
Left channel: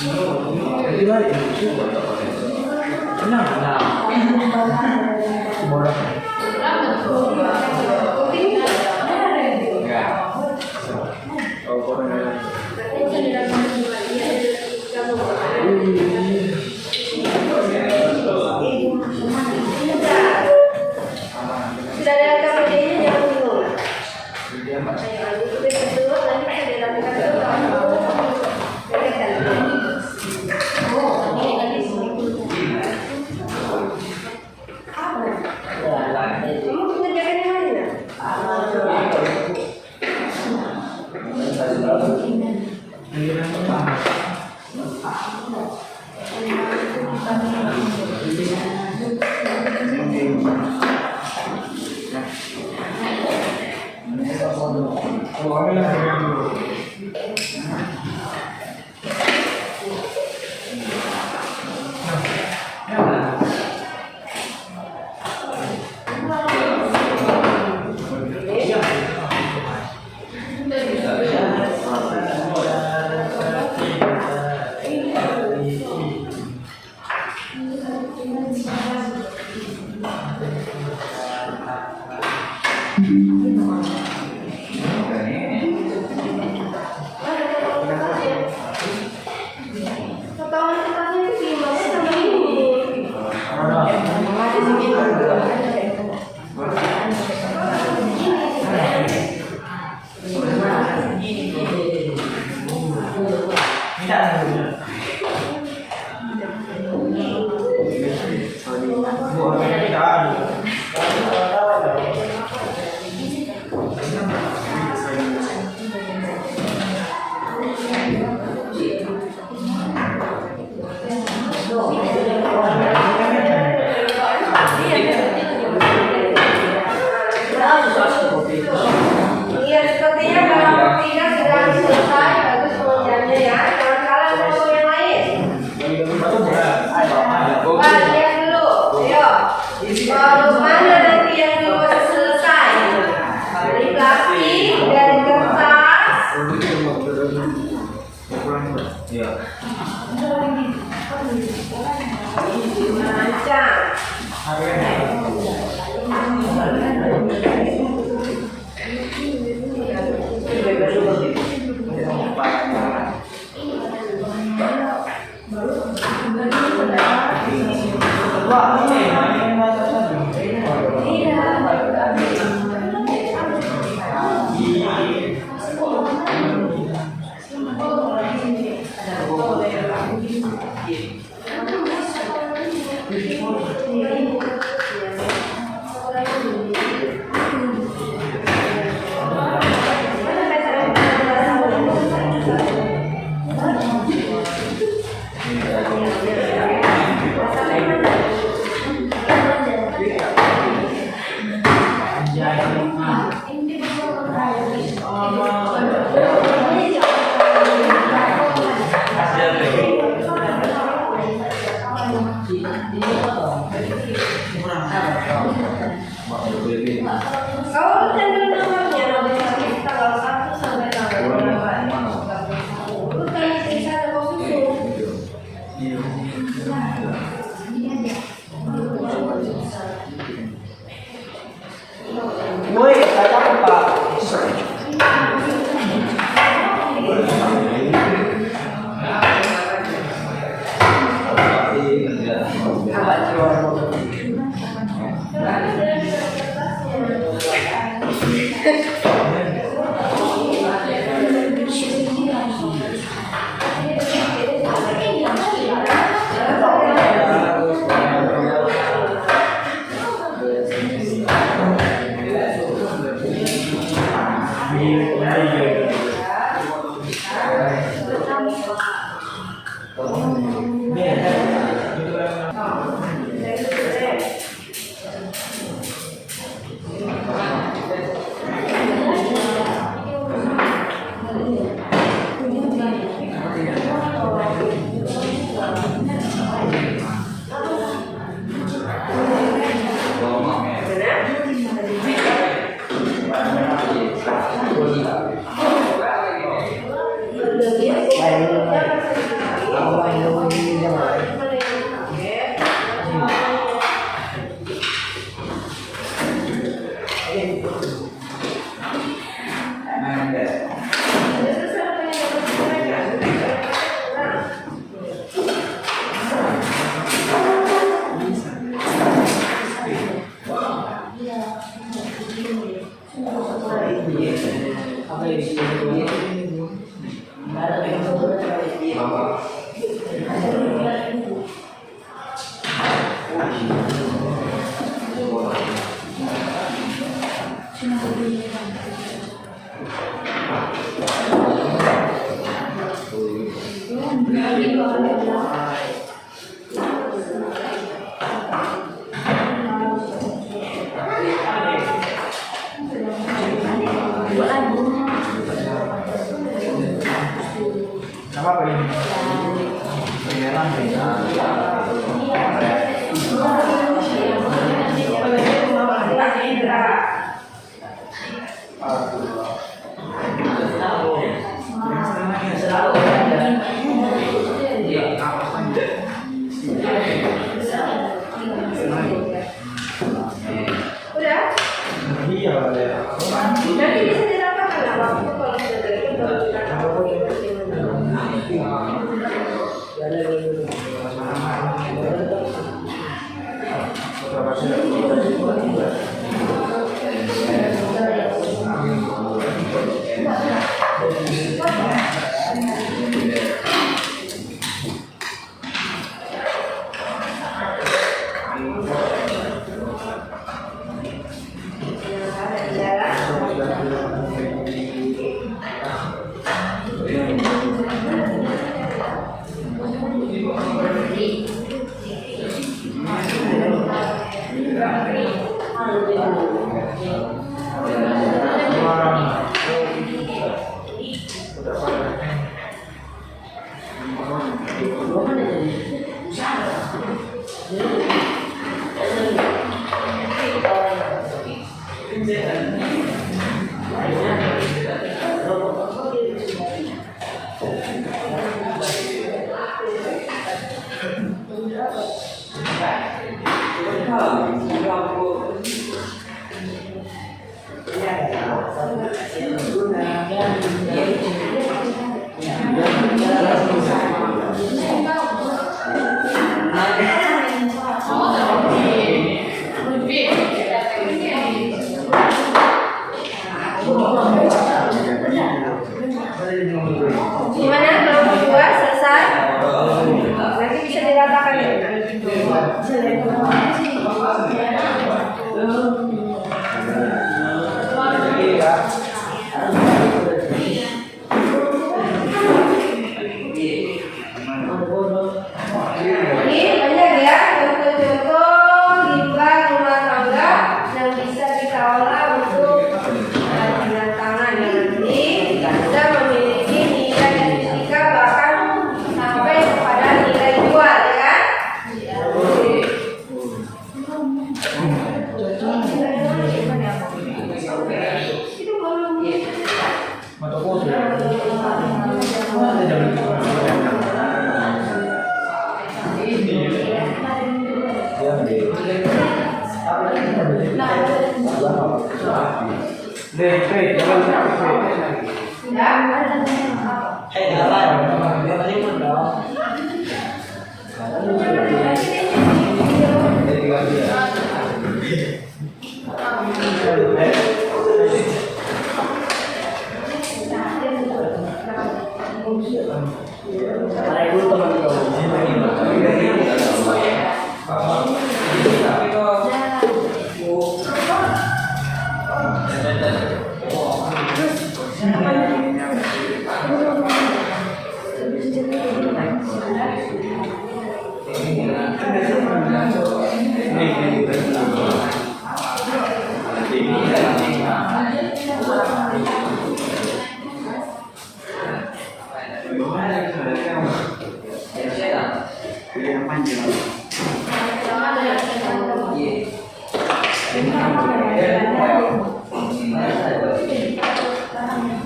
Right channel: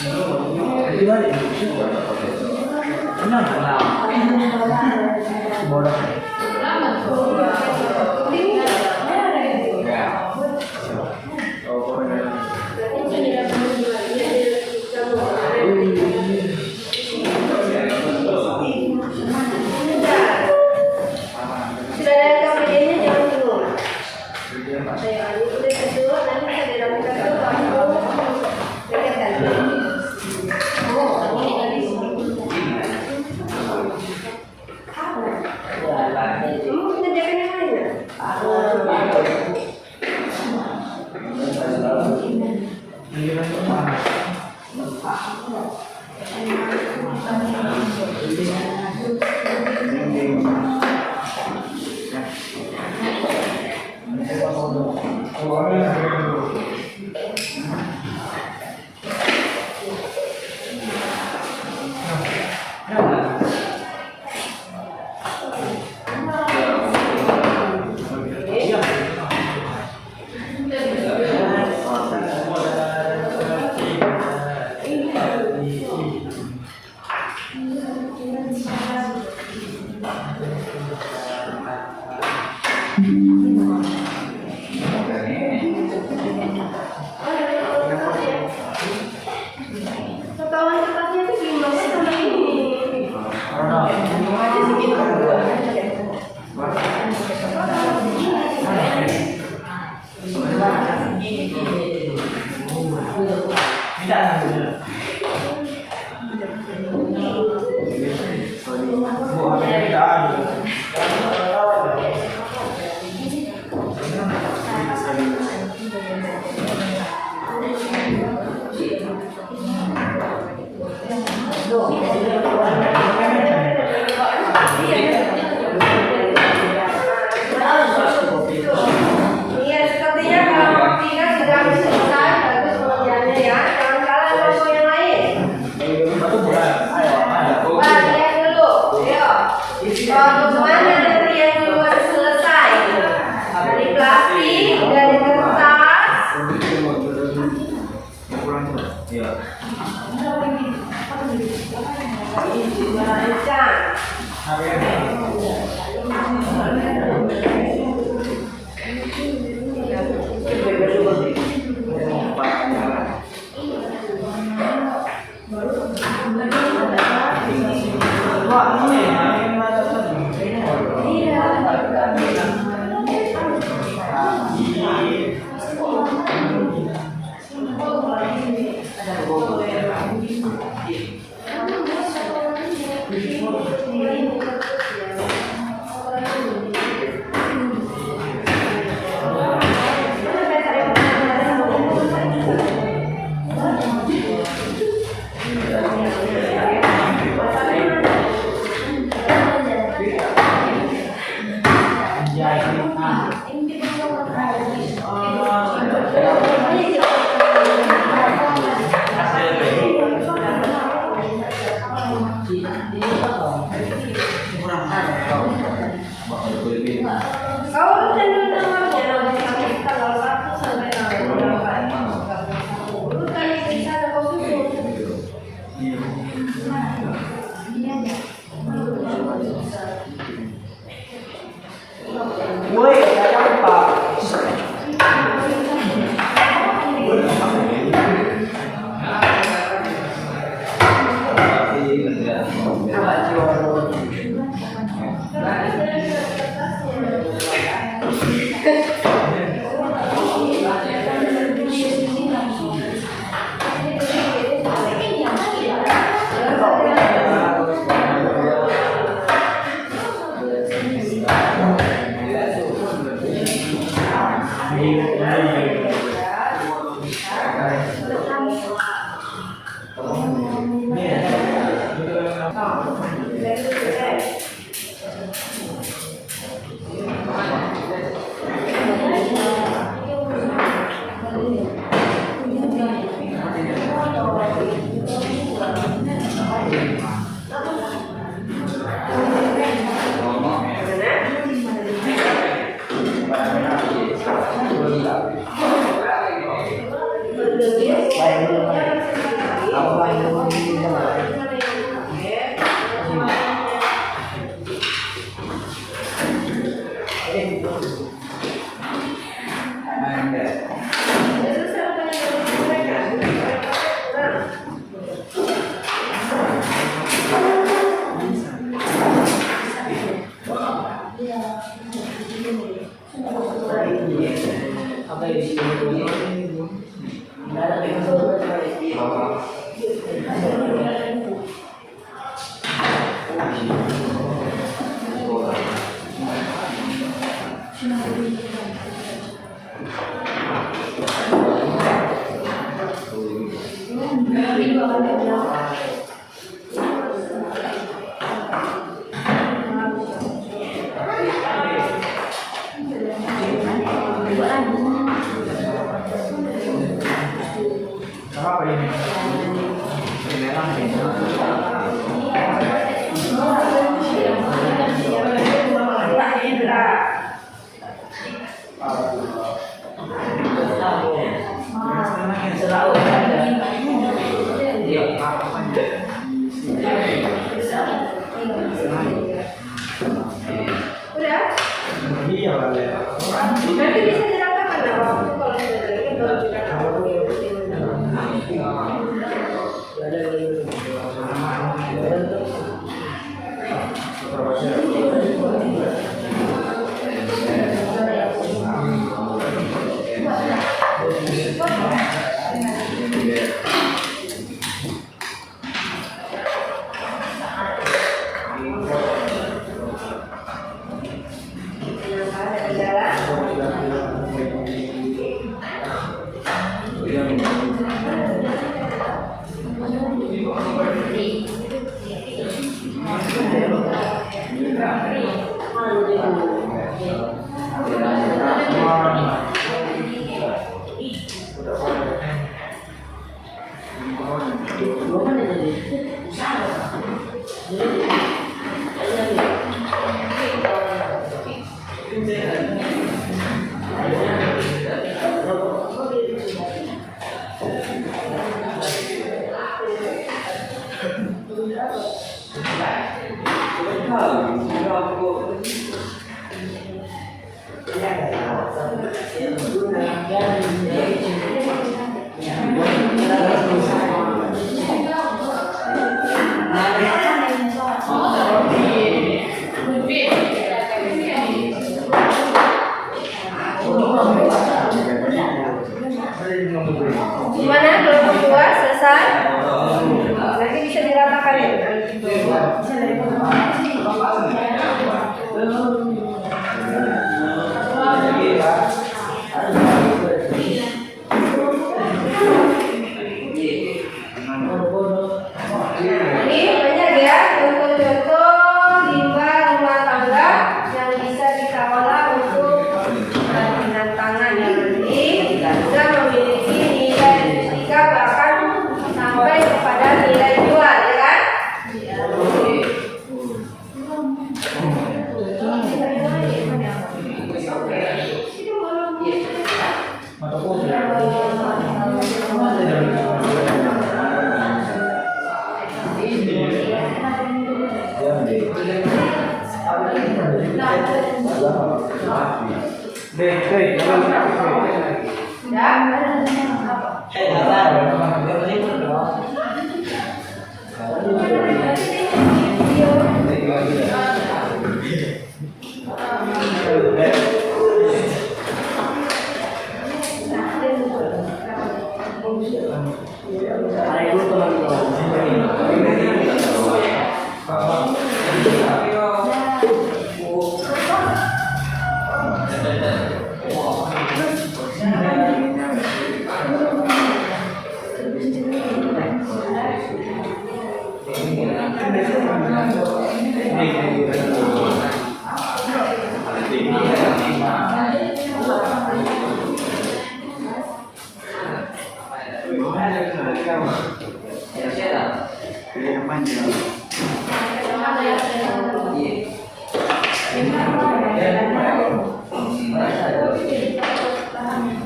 Di balik kenal kenal bodoh ya oh bodoh sudah ada KPD-nya jangan bingung. Saya lanjut itu nanti saya dilakukan dulu. Potongan kertasnya itu gimana sama ini? Ada segitu. Iya, sepertinya kalau waktunya sudah selesai, bagus pengerjaannya ya. Jangan salah ngomong yang lain. Wah, lihat dulu. Ayo. Kalau mana nanti yang duluan selesai? Dari plastik, dari kertas. Lancar. Kau urutan nomornya, nomor tanggal 1 sampai tanggal 8. Urutan isi saja kau susun. Woi, saya apa? Sama apa ini? Merah Udah? iya lah. Nanti bisa dirapatkan lah waktu kalau gimana kalau berdua selesai? Nanti bisa diratakan ya? Ini banyak ya contoh-contoh limbah rumah tangga yang bisa dikelola untuk kerajinan tangan yang nanti bisa memiliki nilai fisika bahkan sampai kepada nilai jual ya kan?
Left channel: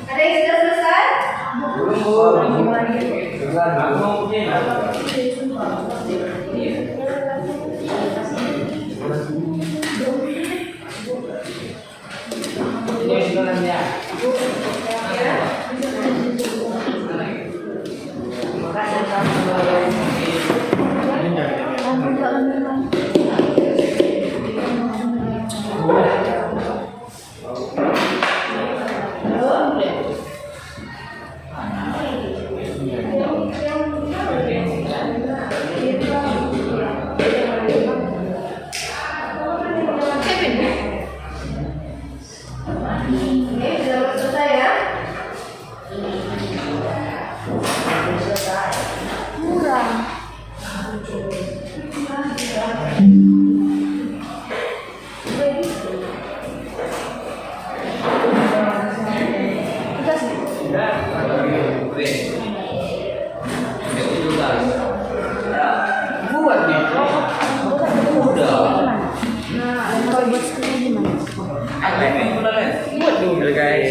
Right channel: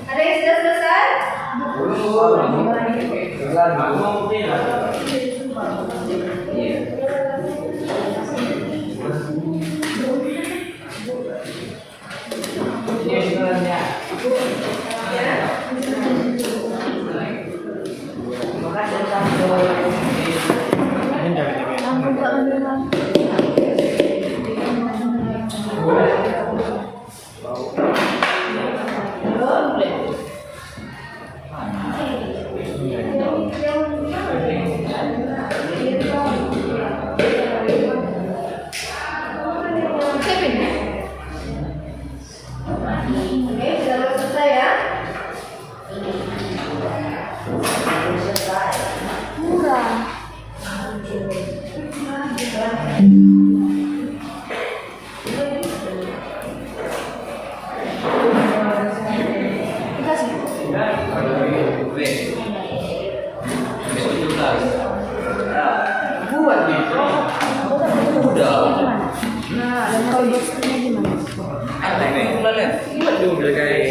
Ada yang sudah selesai? Belum. Oke, sudah selesai ya. Murah. Ini kayak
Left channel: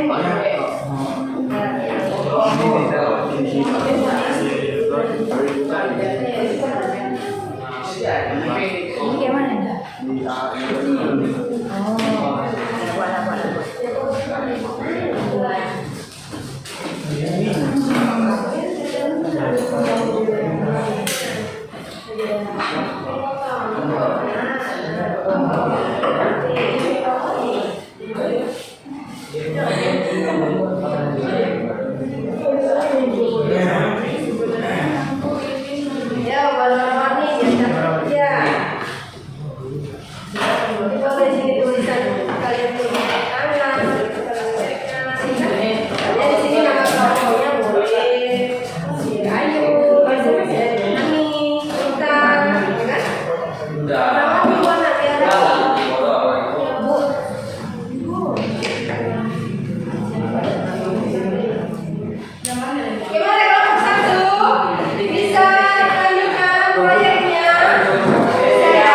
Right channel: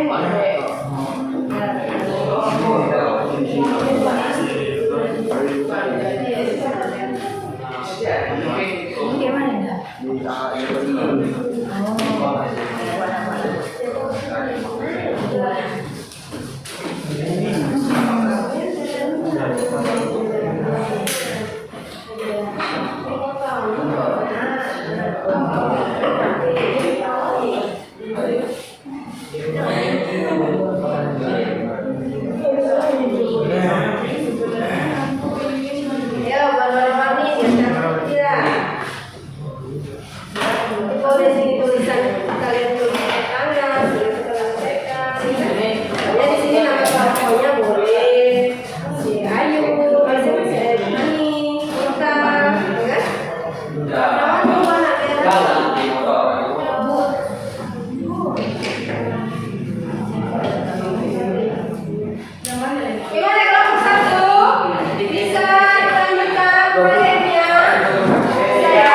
mana ya? Ya, warna-warni ya. Kalau di sini tulisan kalian tuliskan tangan, ya di sini nama tokohnya boleh. Ayu, Ani, Rita, kan? Nama dua anak ya. Gimana kelompok satu? Bisa melanjutkan proyeknya? Bisa ya?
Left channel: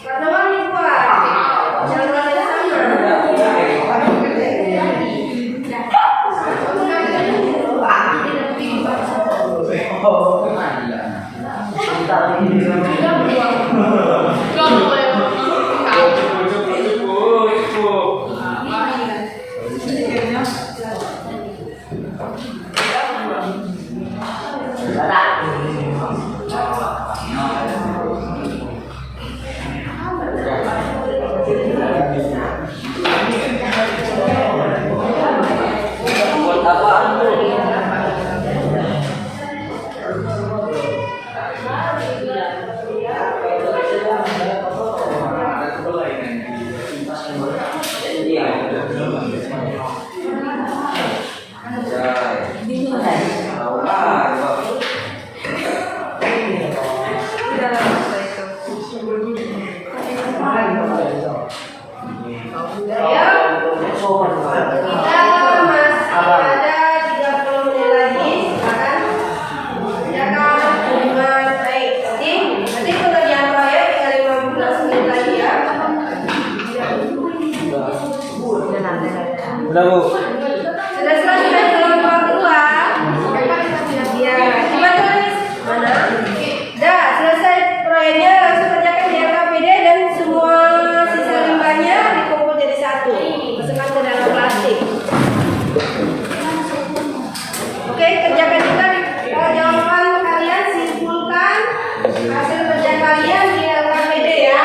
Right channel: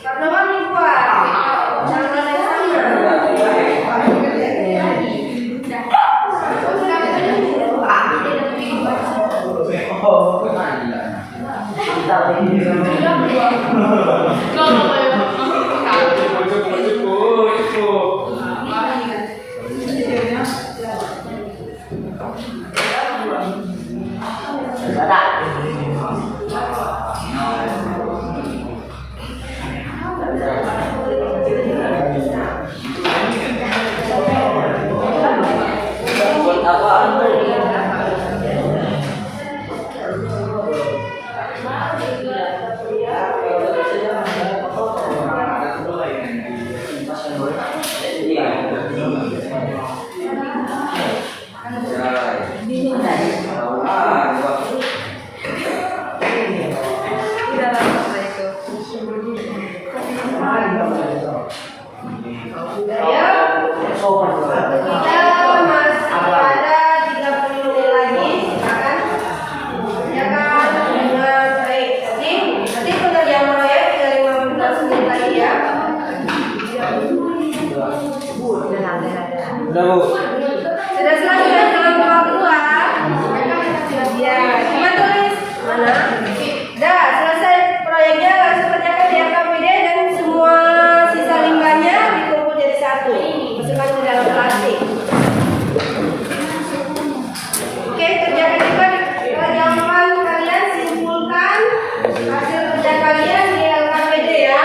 Karena kan lupa. Cara yang sama. Buat apaan tuh? Ya, kita masih ada 30 menit lagi. Silakan kerjakan dengan baik. Nanti pengerjaan proyek tinggal 15 menit lagi ya. Udah Bu. Sudah selesai dalam waktu dua. Ya, coba tulis mana? Dah selesai proyeknya, langsung kerjakan di KPD dan semua sisa limbahnya dikumpul jadi satu. Masukkan ke dalam plastik. Oke, kerjakan juga kalau jawaban kalian simpulkan hasil kerja kalian di LKPD ya.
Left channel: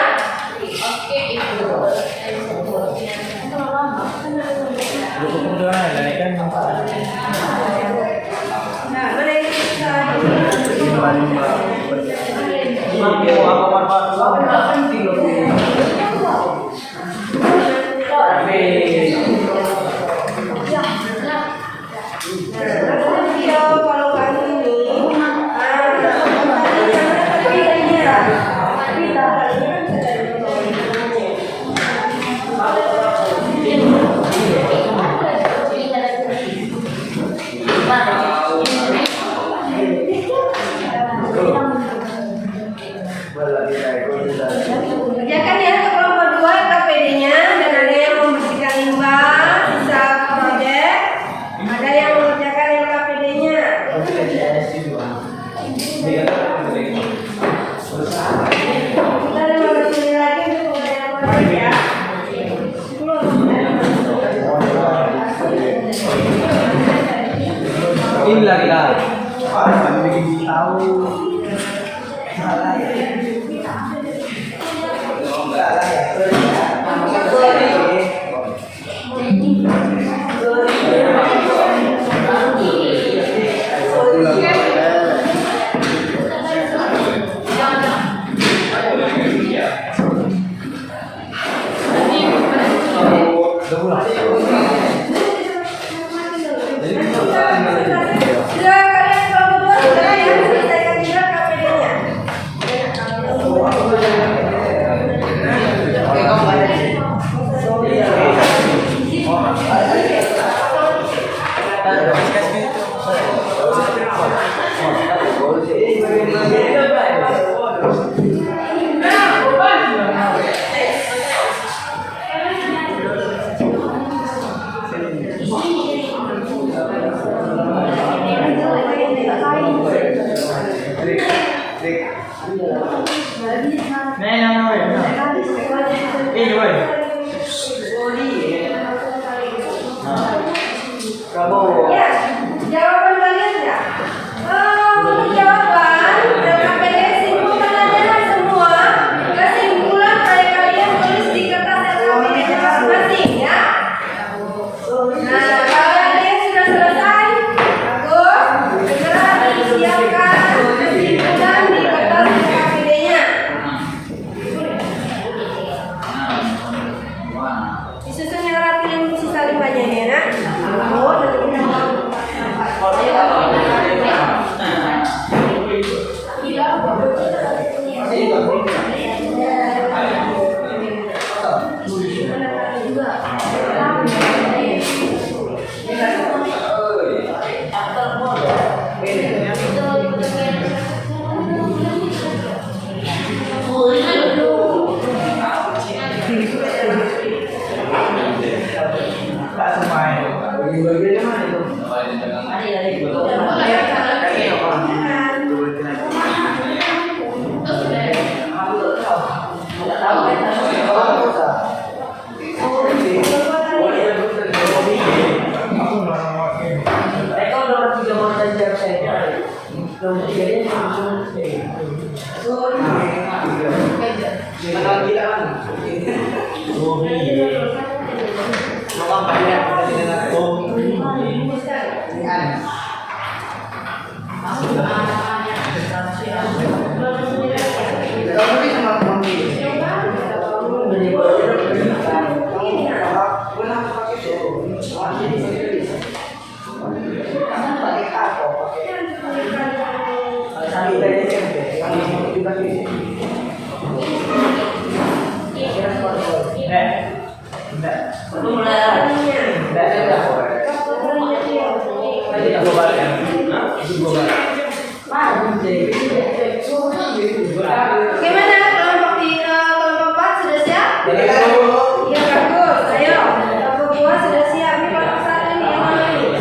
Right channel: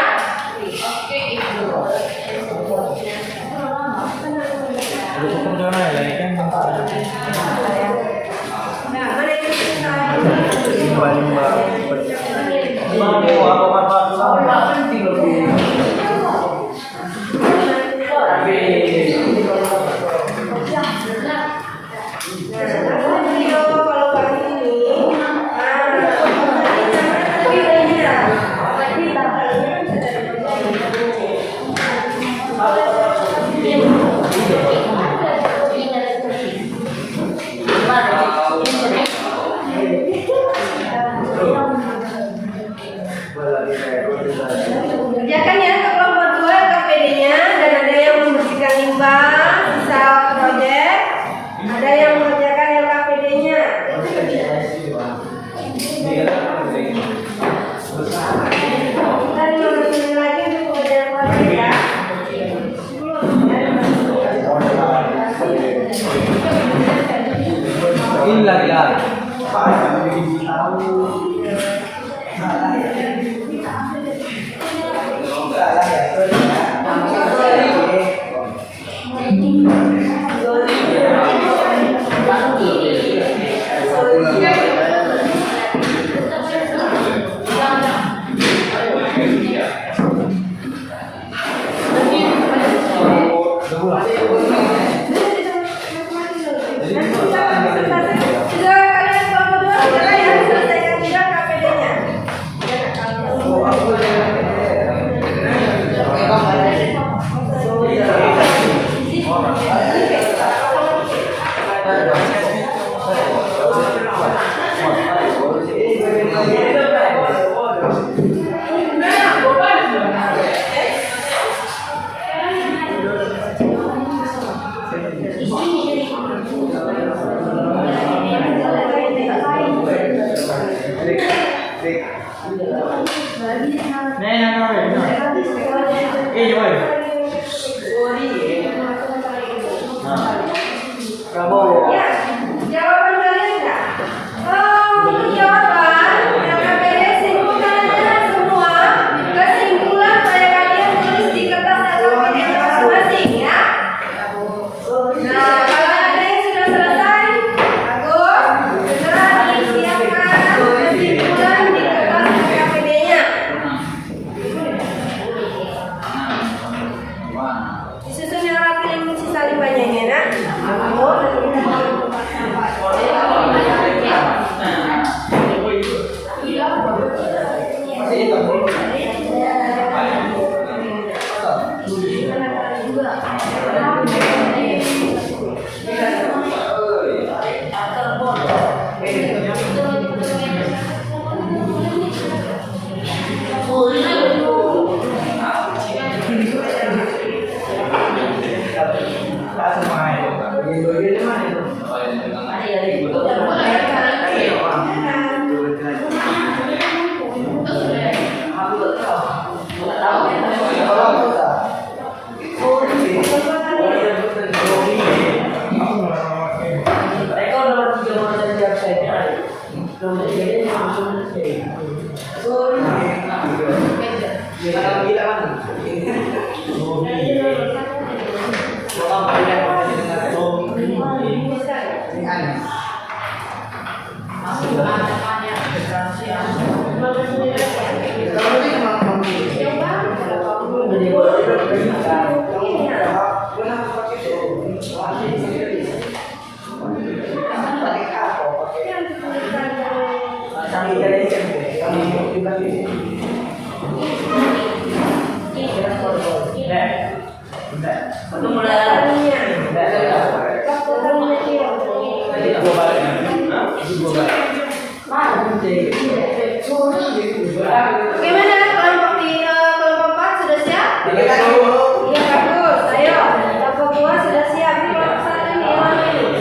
Nah, mana yang bisa kerjakan ya ke kelompok 2 KPD-nya dan ada yang membersihkan limbah sisa proyek, ada yang mengerjakan LKPD-nya. Kita 15 menit lagi untuk kerjaan proyek ya. Inilah kita. Sudah kalian kelompok 2 sudah ya selesaikan juga KPD-nya. Gimana kelompok 4 sudah siap? Iya bagus. Ayo kelompok 2 sudah siap. Ini kelompok 1 ini yang mana ini?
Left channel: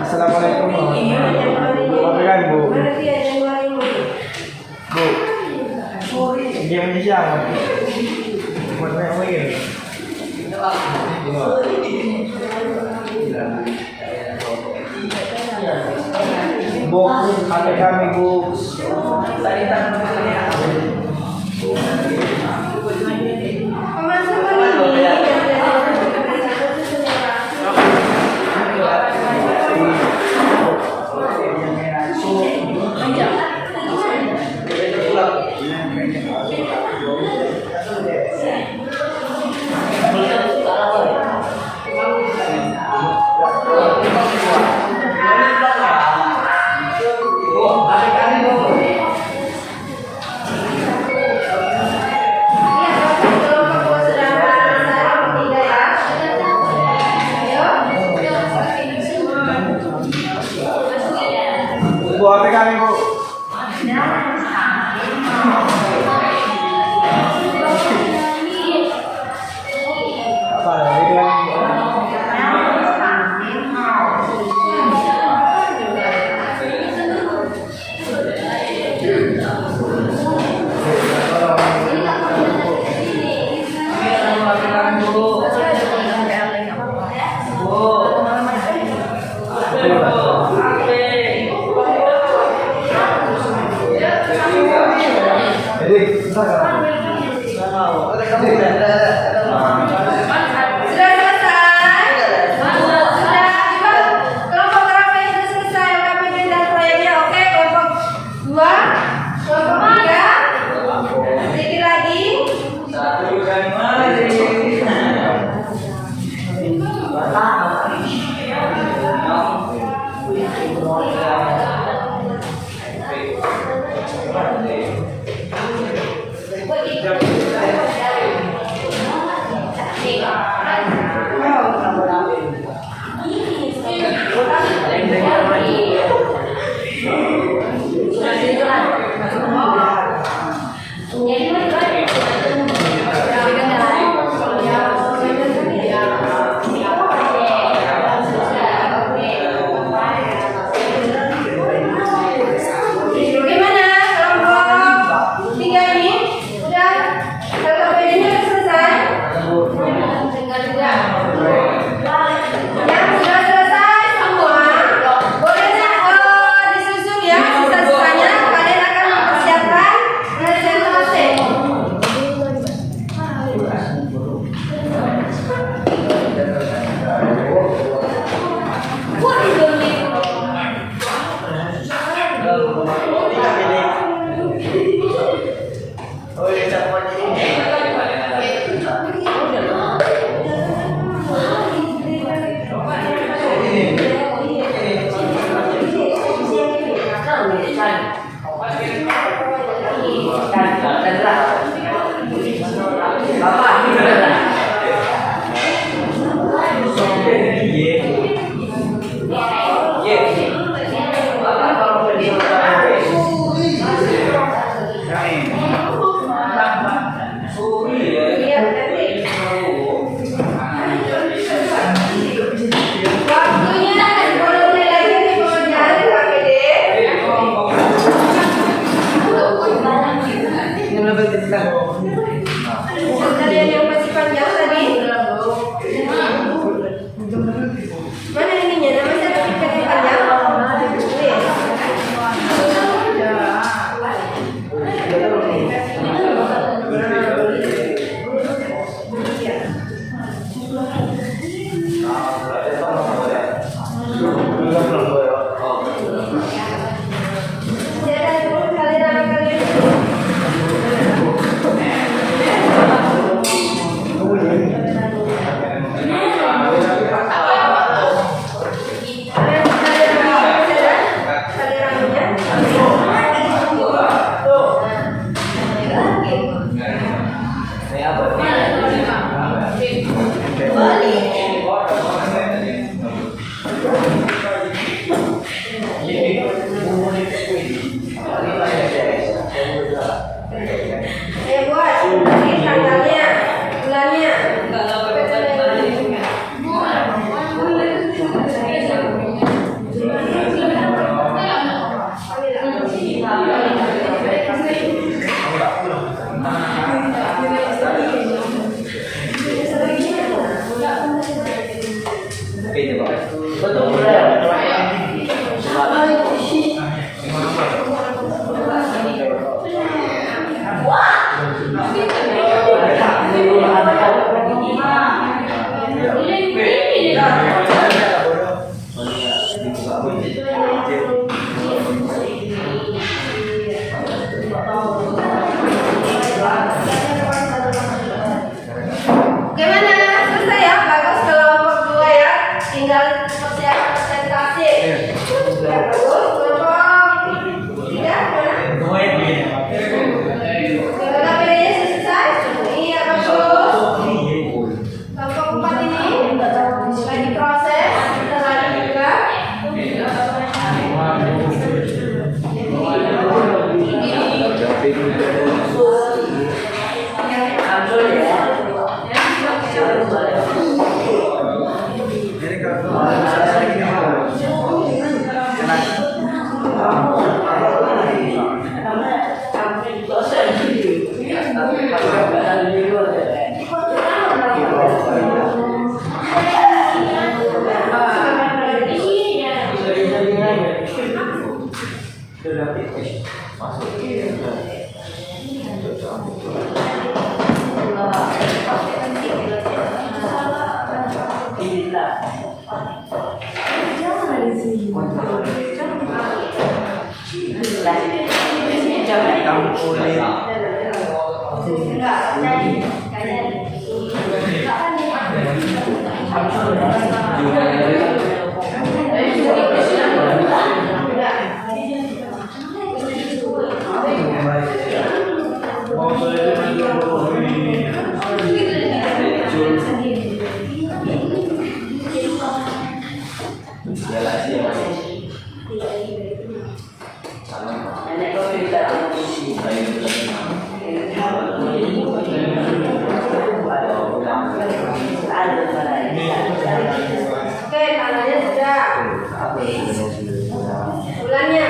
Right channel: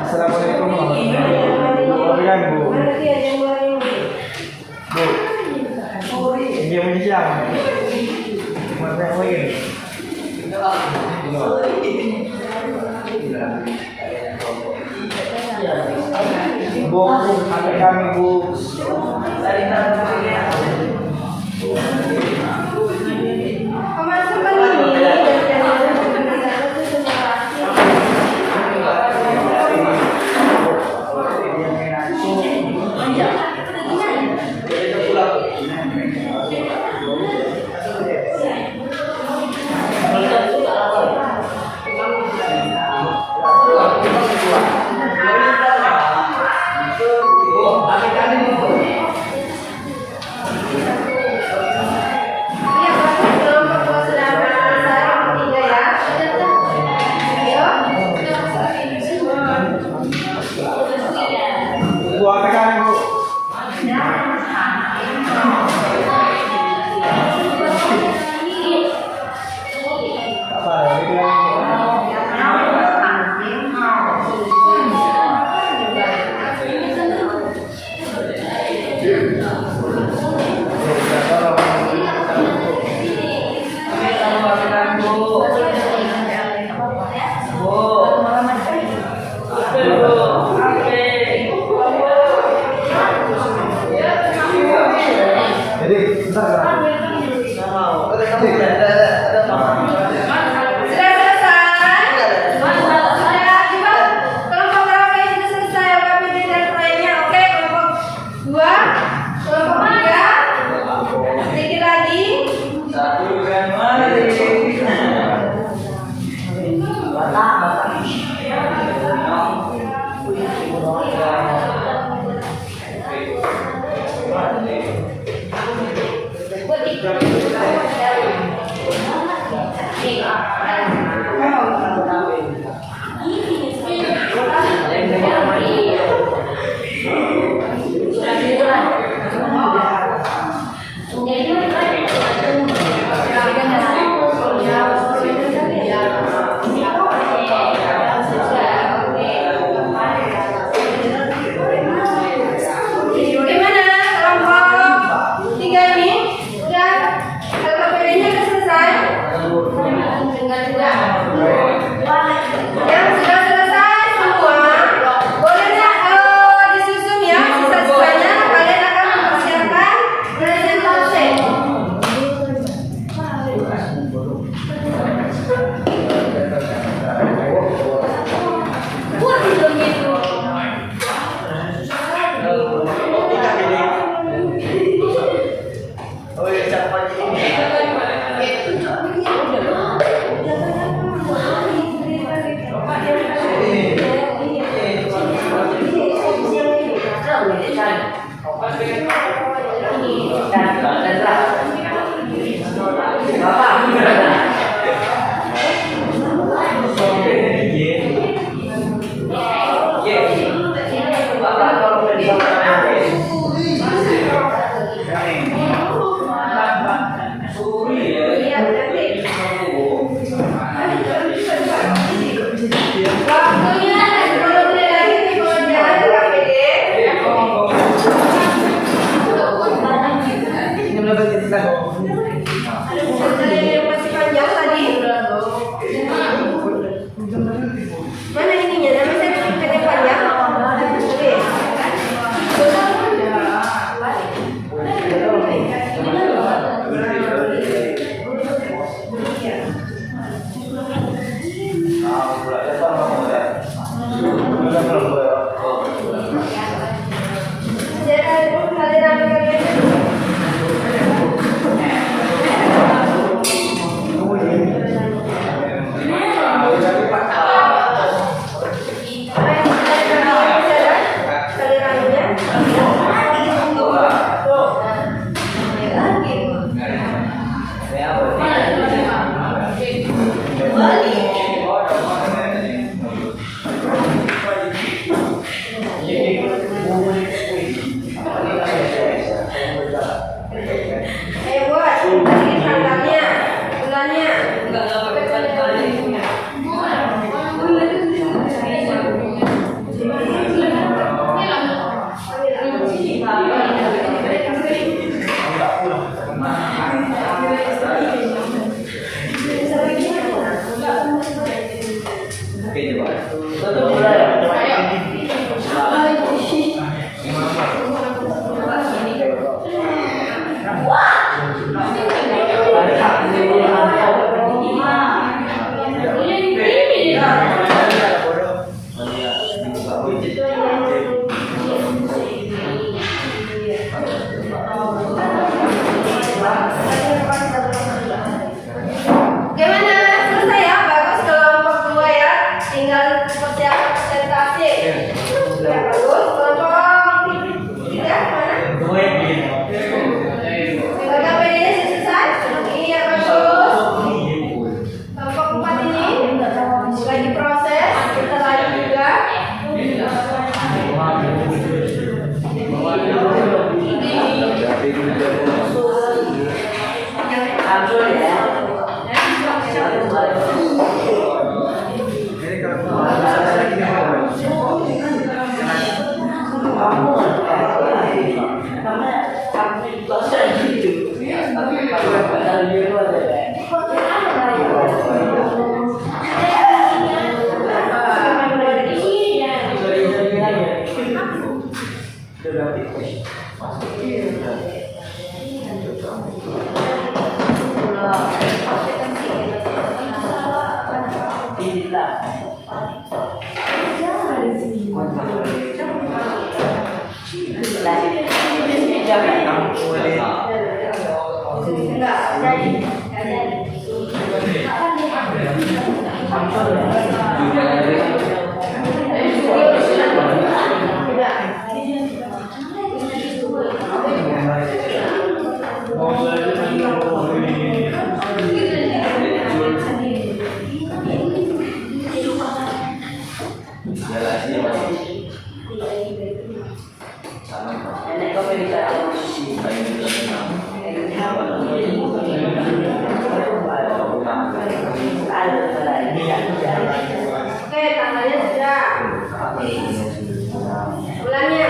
Assalamualaikum warahmatullahi wabarakatuh. Mana dia yang mulai ini? Bu, game ini siang. Buat apa ya? Bu, ada kami bu. Teman-teman ini Oke, coba. Gimana? Selesai ya? Bagus kelompok 2 ya. Tinggal persiapan presentasi. Ya, bagus. Kelompok 3 mana? Kelompok PD-nya selesai? Iya, bagus. Kelompok 4 ini lagi proses. Kita lagi juga. Oke, tandanya sudah. Bulannya.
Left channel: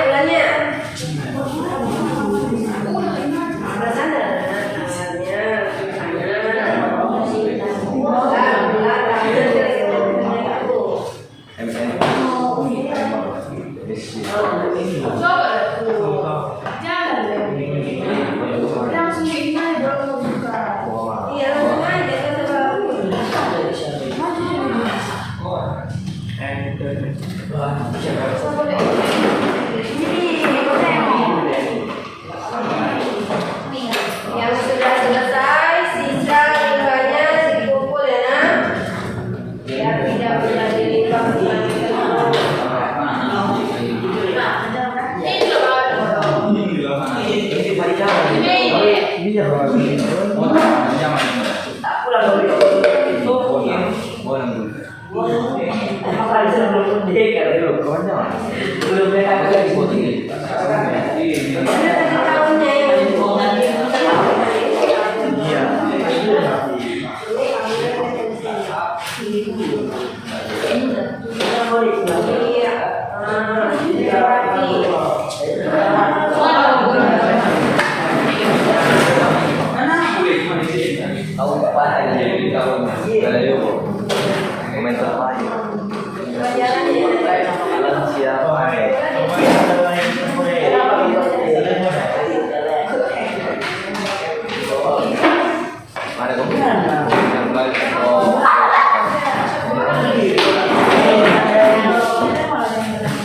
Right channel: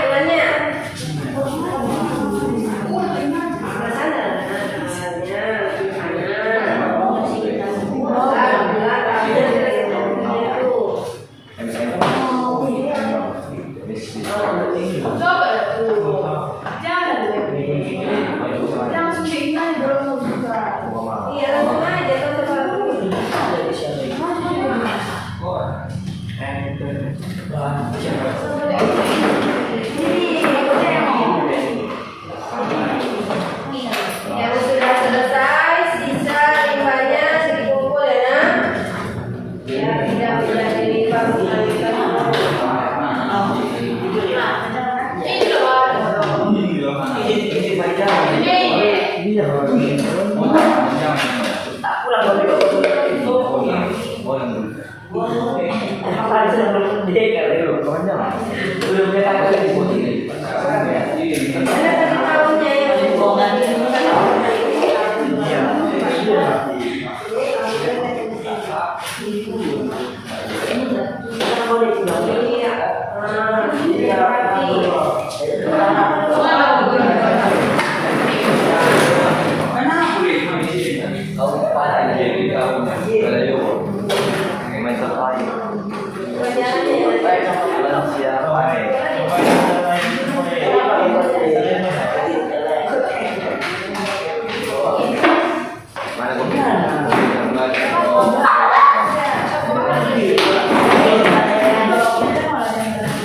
Yang sudah selesai, sisa limbahnya dikumpul ya nak. Biar tidak menjadi limbah lagi.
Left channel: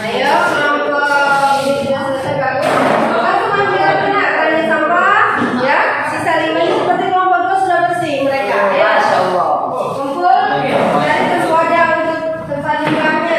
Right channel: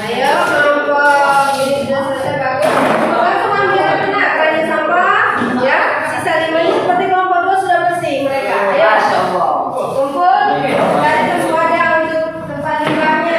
Ayo kelompok ini sudah selesai bagus. Langsung ambil aja nak keranjang sampah ya. Sisa limbahnya seperti kelompok 2 sudah bersih mereka. Ayo kumpul cari tempat wadah untuk tempat limbahnya.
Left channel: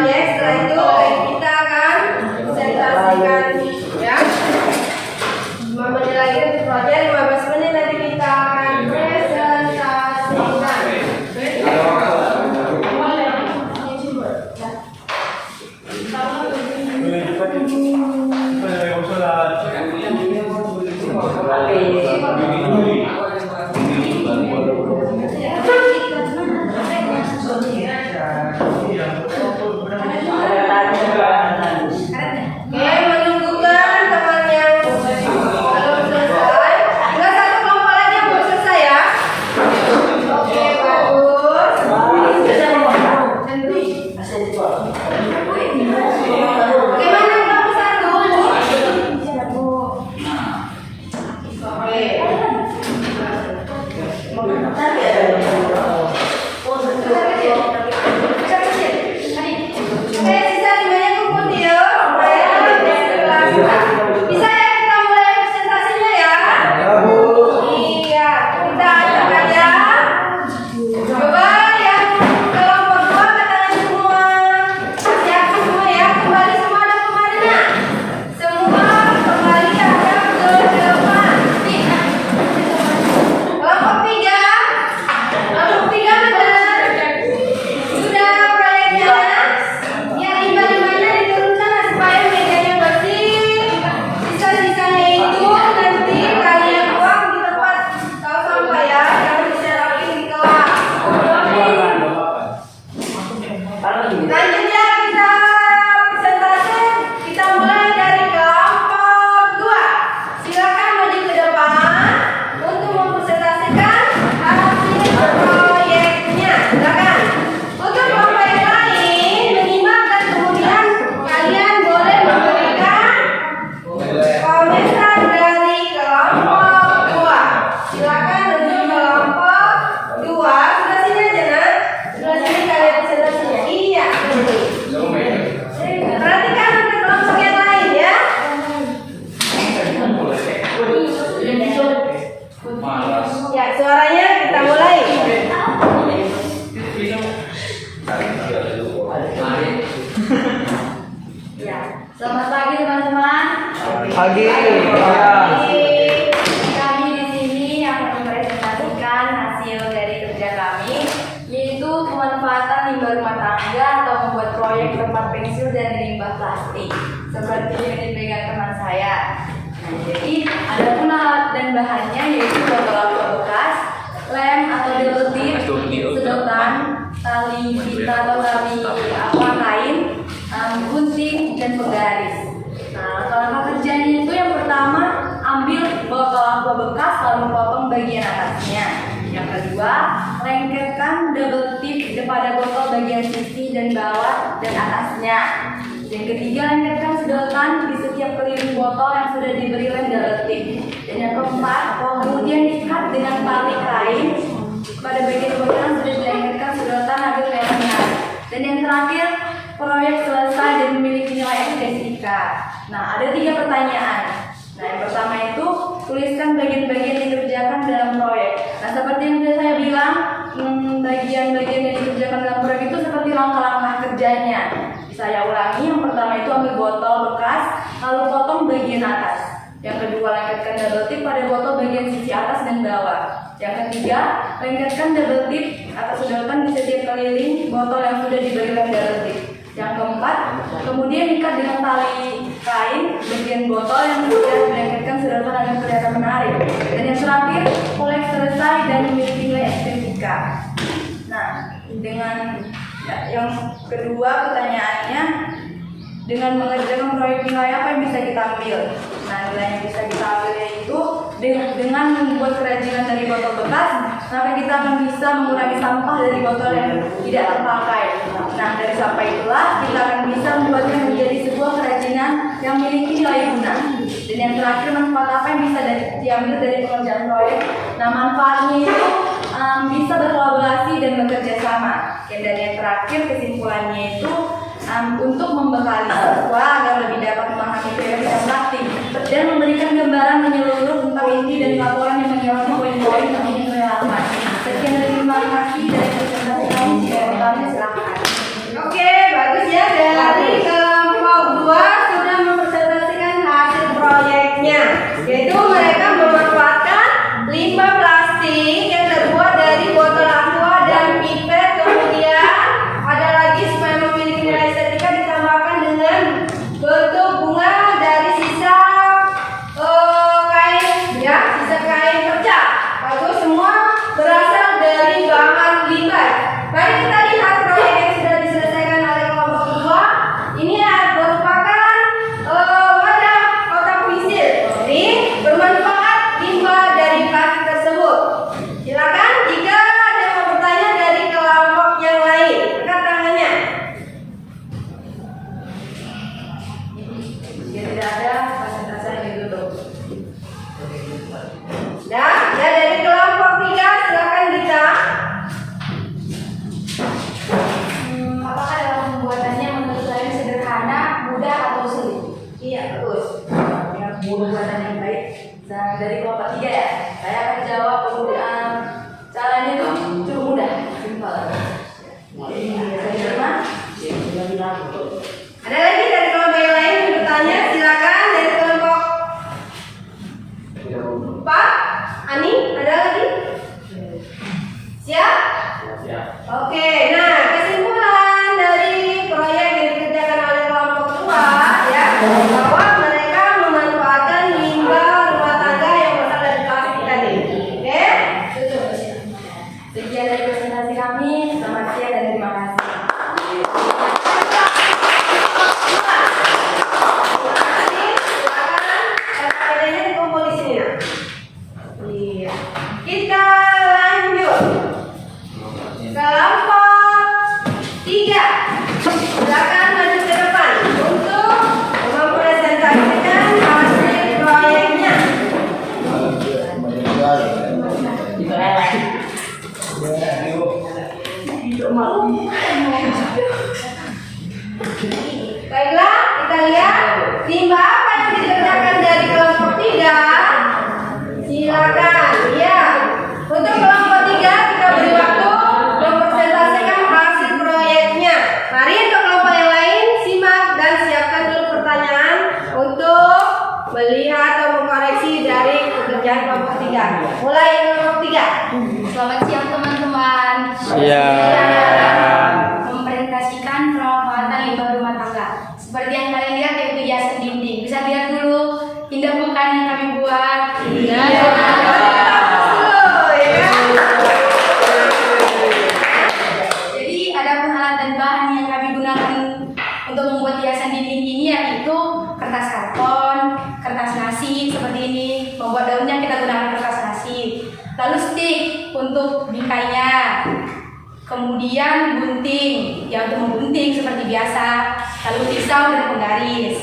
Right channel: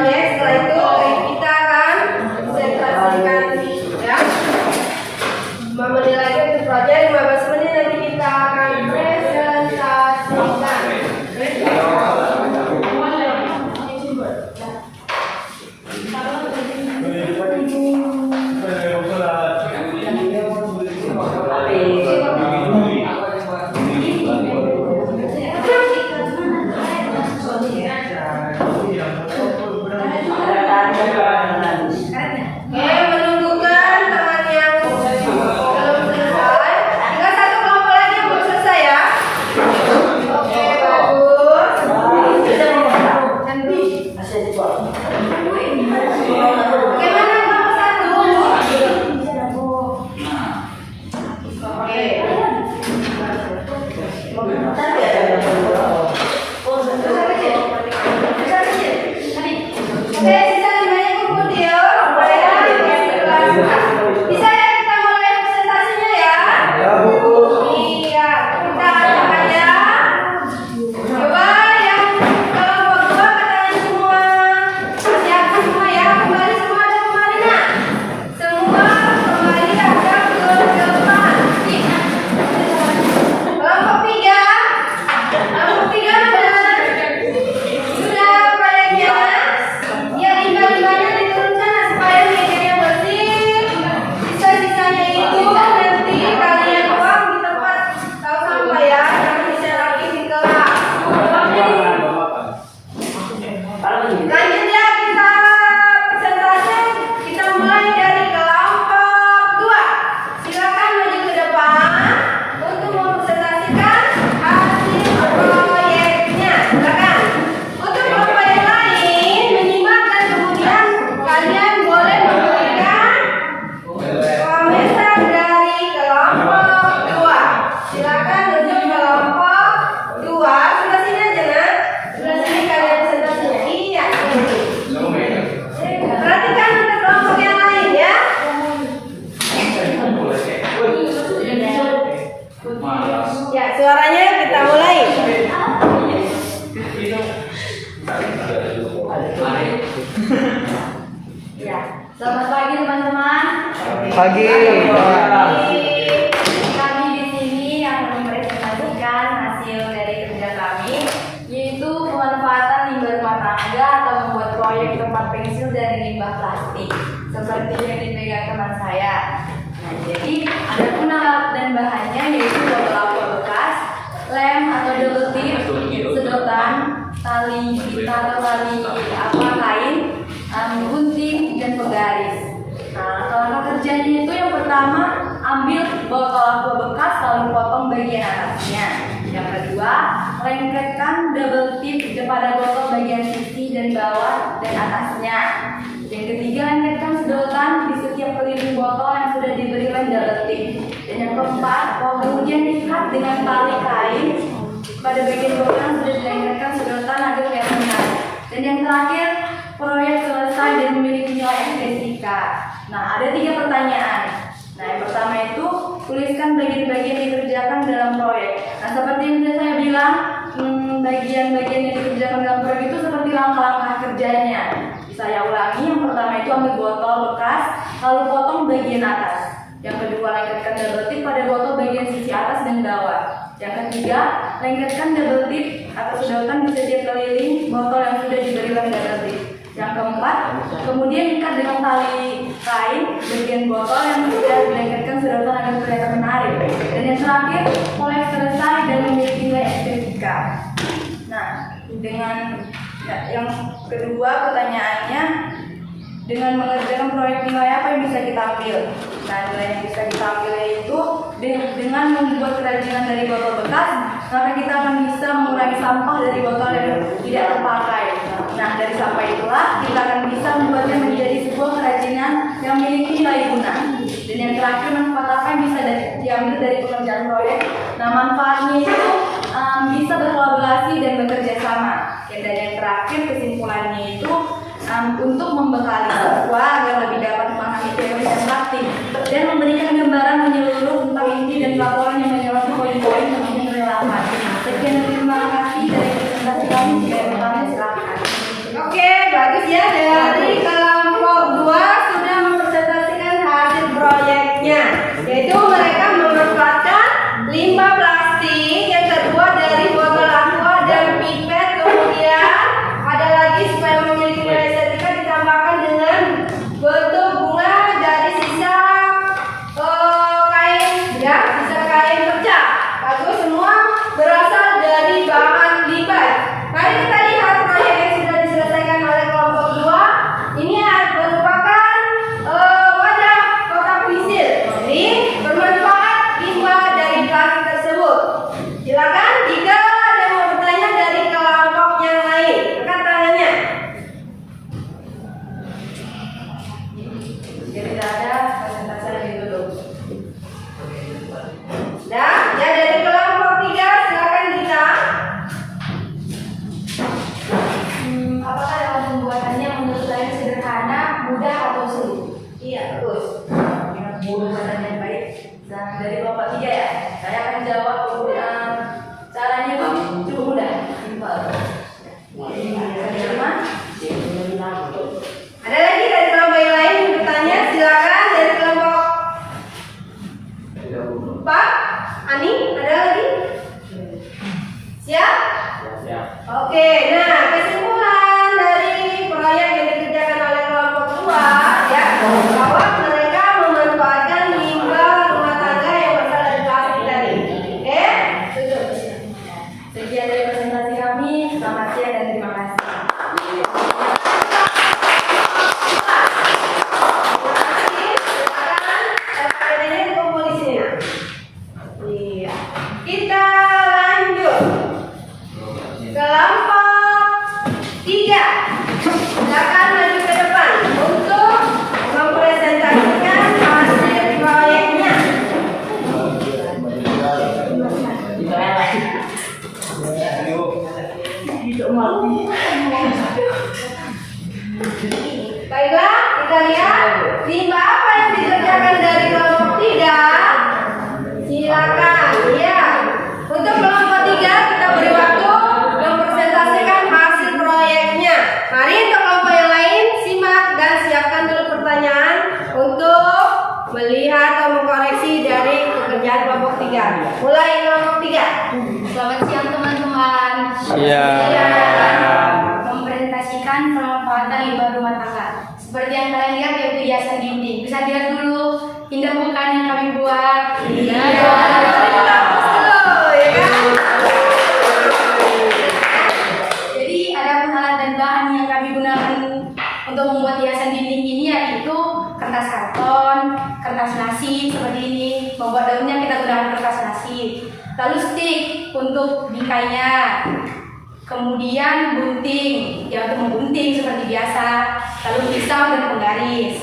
proyek. Setelah itu kita akan presentasikan ya. 5 menit lagi untuk proyek, 15 menit nanti kita akan presentasikan. Oke, menunggukan teman yang belum selesai. Tinggal satu kelompok lagi yang belum selesai ya. Oke, bagus. Bagaimana kelompok satu? Oke. Oke, sisa 5-nya kumpul yuk. Bisa ya kita mulai presentasinya ya? Iya, kita ajakan ya. Coba yang kelompok 2 katanya semua. Masih aktif semua ya, kembali semua ada kembali nak. Semua kembali ada ke depan. Nih. Kelompok 3. Kelompok 3 mana? Sudah proyeknya? Ya, tinggal-tinggalnya diturunkan supaya mejanya bersih. Sisa-sisanya itu nanti kalian buang di tempat tahu sampah ya, yang bisa lagi di kelas. Lanjut ya, kita presentasi. Kita mulai dari kelompok 2. Silakan maju ke depan untuk mempresentasikan hasil proyeknya. Silakan. Untuk kelompok yang lain menyimak dan kemudian kalian boleh memberikan komentar dari kelompok 2. Silakan untuk kelompok 2. Sebelah sini aja nak. Sebelah sini kalian presentasinya. Iya. Perhatikan untuk kelompok yang lain ya. Ya, suaranya kita mulai. Ya, selamat pagi teman-teman. Pagi. Kami di sini akan mempresentasikan hasil dari kerja kami, yaitu pemanfaatan limbah rumah tangga atau membuat proyek tempat pensil dari limbah plastik, seperti yang dipegang teman saya. Nah, jadi ada pun alat dan bahannya yaitu botol aqua bekas, lem atau delotip, sedotan, tali pita atau tali kain, gunting dan penggaris. Nah, langkah kerjanya itu yang pertama ambil botol aqua bekas lalu potong bagian atasnya. Yang kedua, lengketkan double tip pada botol bagian sisi dan bawah dan atasnya. Yang ketiga, lengketkan sedotan di setiap keliling botol yang sudah diberi lem double tip. Dan yang keempat, kemudian ikat dengan tali kain pada bagian botol yang sudah dilengketkan sedotan agar kelihatan menarik. Dan yang terakhir, proyek selesai dan memiliki nilai STSIK. Nah, ada 3 pertanyaan. Nah, yang pertama itu tuliskan bagian-bagian yang dikerjakan dalam proyek. Nah, seperti yang sudah saya bilang, bagian-bagian yang dikerjakan dalam proyek itu seperti langkah-langkah kerjanya. Saya ulangi, yang pertama itu ambil botol bekas, lalu potong bagian atas. Yang kedua, lengketkan double tip pada botol bagian sisi atas dan bawah. Yang ketiga, lengketkan double tip atau sedotan di setiap keliling botol yang sudah diberi lem double tip. Yang keempat, kemudian ikat dengan tali kain bagian botol yang sudah dilengketkan sedotan agar kelihatan menarik. Dan yang terakhir, proyek selesai dan memiliki nilai STSIK. Nah, dengan yang kedua pertanyaannya, dengan mengerjakan proyek nilai apa yang bisa kita ambil? Nah, nilai yang bisa kita ambil yaitu dengan membuat kerajinan dari botol bekas, maka kita akan bisa mengurangi sampah dari botol yang tidak terpakai. Nah, dari sampah itulah kita akan bisa membuatnya menjadi sebuah kerajinan yang memiliki nilai guna. Dan yang terakhir, manfaat apa yang bisa diambil dari pengerjaan proyek? Nah, manfaatnya itu bisa berkolaborasi dan bekerja sama. Dan yang terakhir, kesimpulannya itu untuk membekali siswa agar lebih dapat memahami teori dan praktik dan memberikan gambaran menyeluruh tentang inti dan laporan yang menyoroti poin-poin yang ingin relevan. Sekian, terima kasih dari presentasi kami. Jika bertanya silakan. Oke, bagus ya. yang sederhana, mudah atau sulit? Iya, bagus. Yang mudah yang baik. Nah, dari kelompok 3 ya. Saya akan jawab kemudian caranya itu cukup mudah, simpel. Ada lagi dari kelompok yang lain yang bertanya? Silakan dari kelompok 4. Ani, ada lagi? Siap? Oke, nah kesimpulan dari proyek yang dikerjakan oleh kelompok 2 ya, bahwa mereka memanfaatkan limbah rumah tangga yang berasal dari plastik tadi. Oke? Tutup. Sekian dari presentasi kami. Selamat siang dan terima kasih. Bedanya dikumpul di sini. Iya. Kita lanjut. Kelompok 3. Silakan maju ke depan untuk mempresentasikan hasil proyeknya. Baiklah, kita lihat limbah apa yang dikerjakan dari kelompok 3. Silakan, ya. Untuk kelompok 3 kita beri waktu mempresentasikan hasil proyeknya. Mari untuk kelompok yang lain simak dan siapkan dulu pertanyaan untuk melihat atau mengkoreksi dari pekerjaan kelompok 3. Mulai kelompok 3. Selamat siang teman-teman. Mempresentasikan pemanfaatan limbah rumah tangga. Seperti yang kalian lihat yaitu hiasan dinding. Bisa lihat dulu indah bukan yang kami buat. Iya. Ya kan? Jadi ada alat dan bahan yang kami gunakan untuk membuat hiasan dinding ini yaitu kertas karton, kertas nasi seperti ini. Membuat daunnya kita gunakan kertas nasi. Lalu stick untuk bingkainya. Kemudian gunting, ya untuk menggunting seperti biasa. Lalu pisau dan penggaris.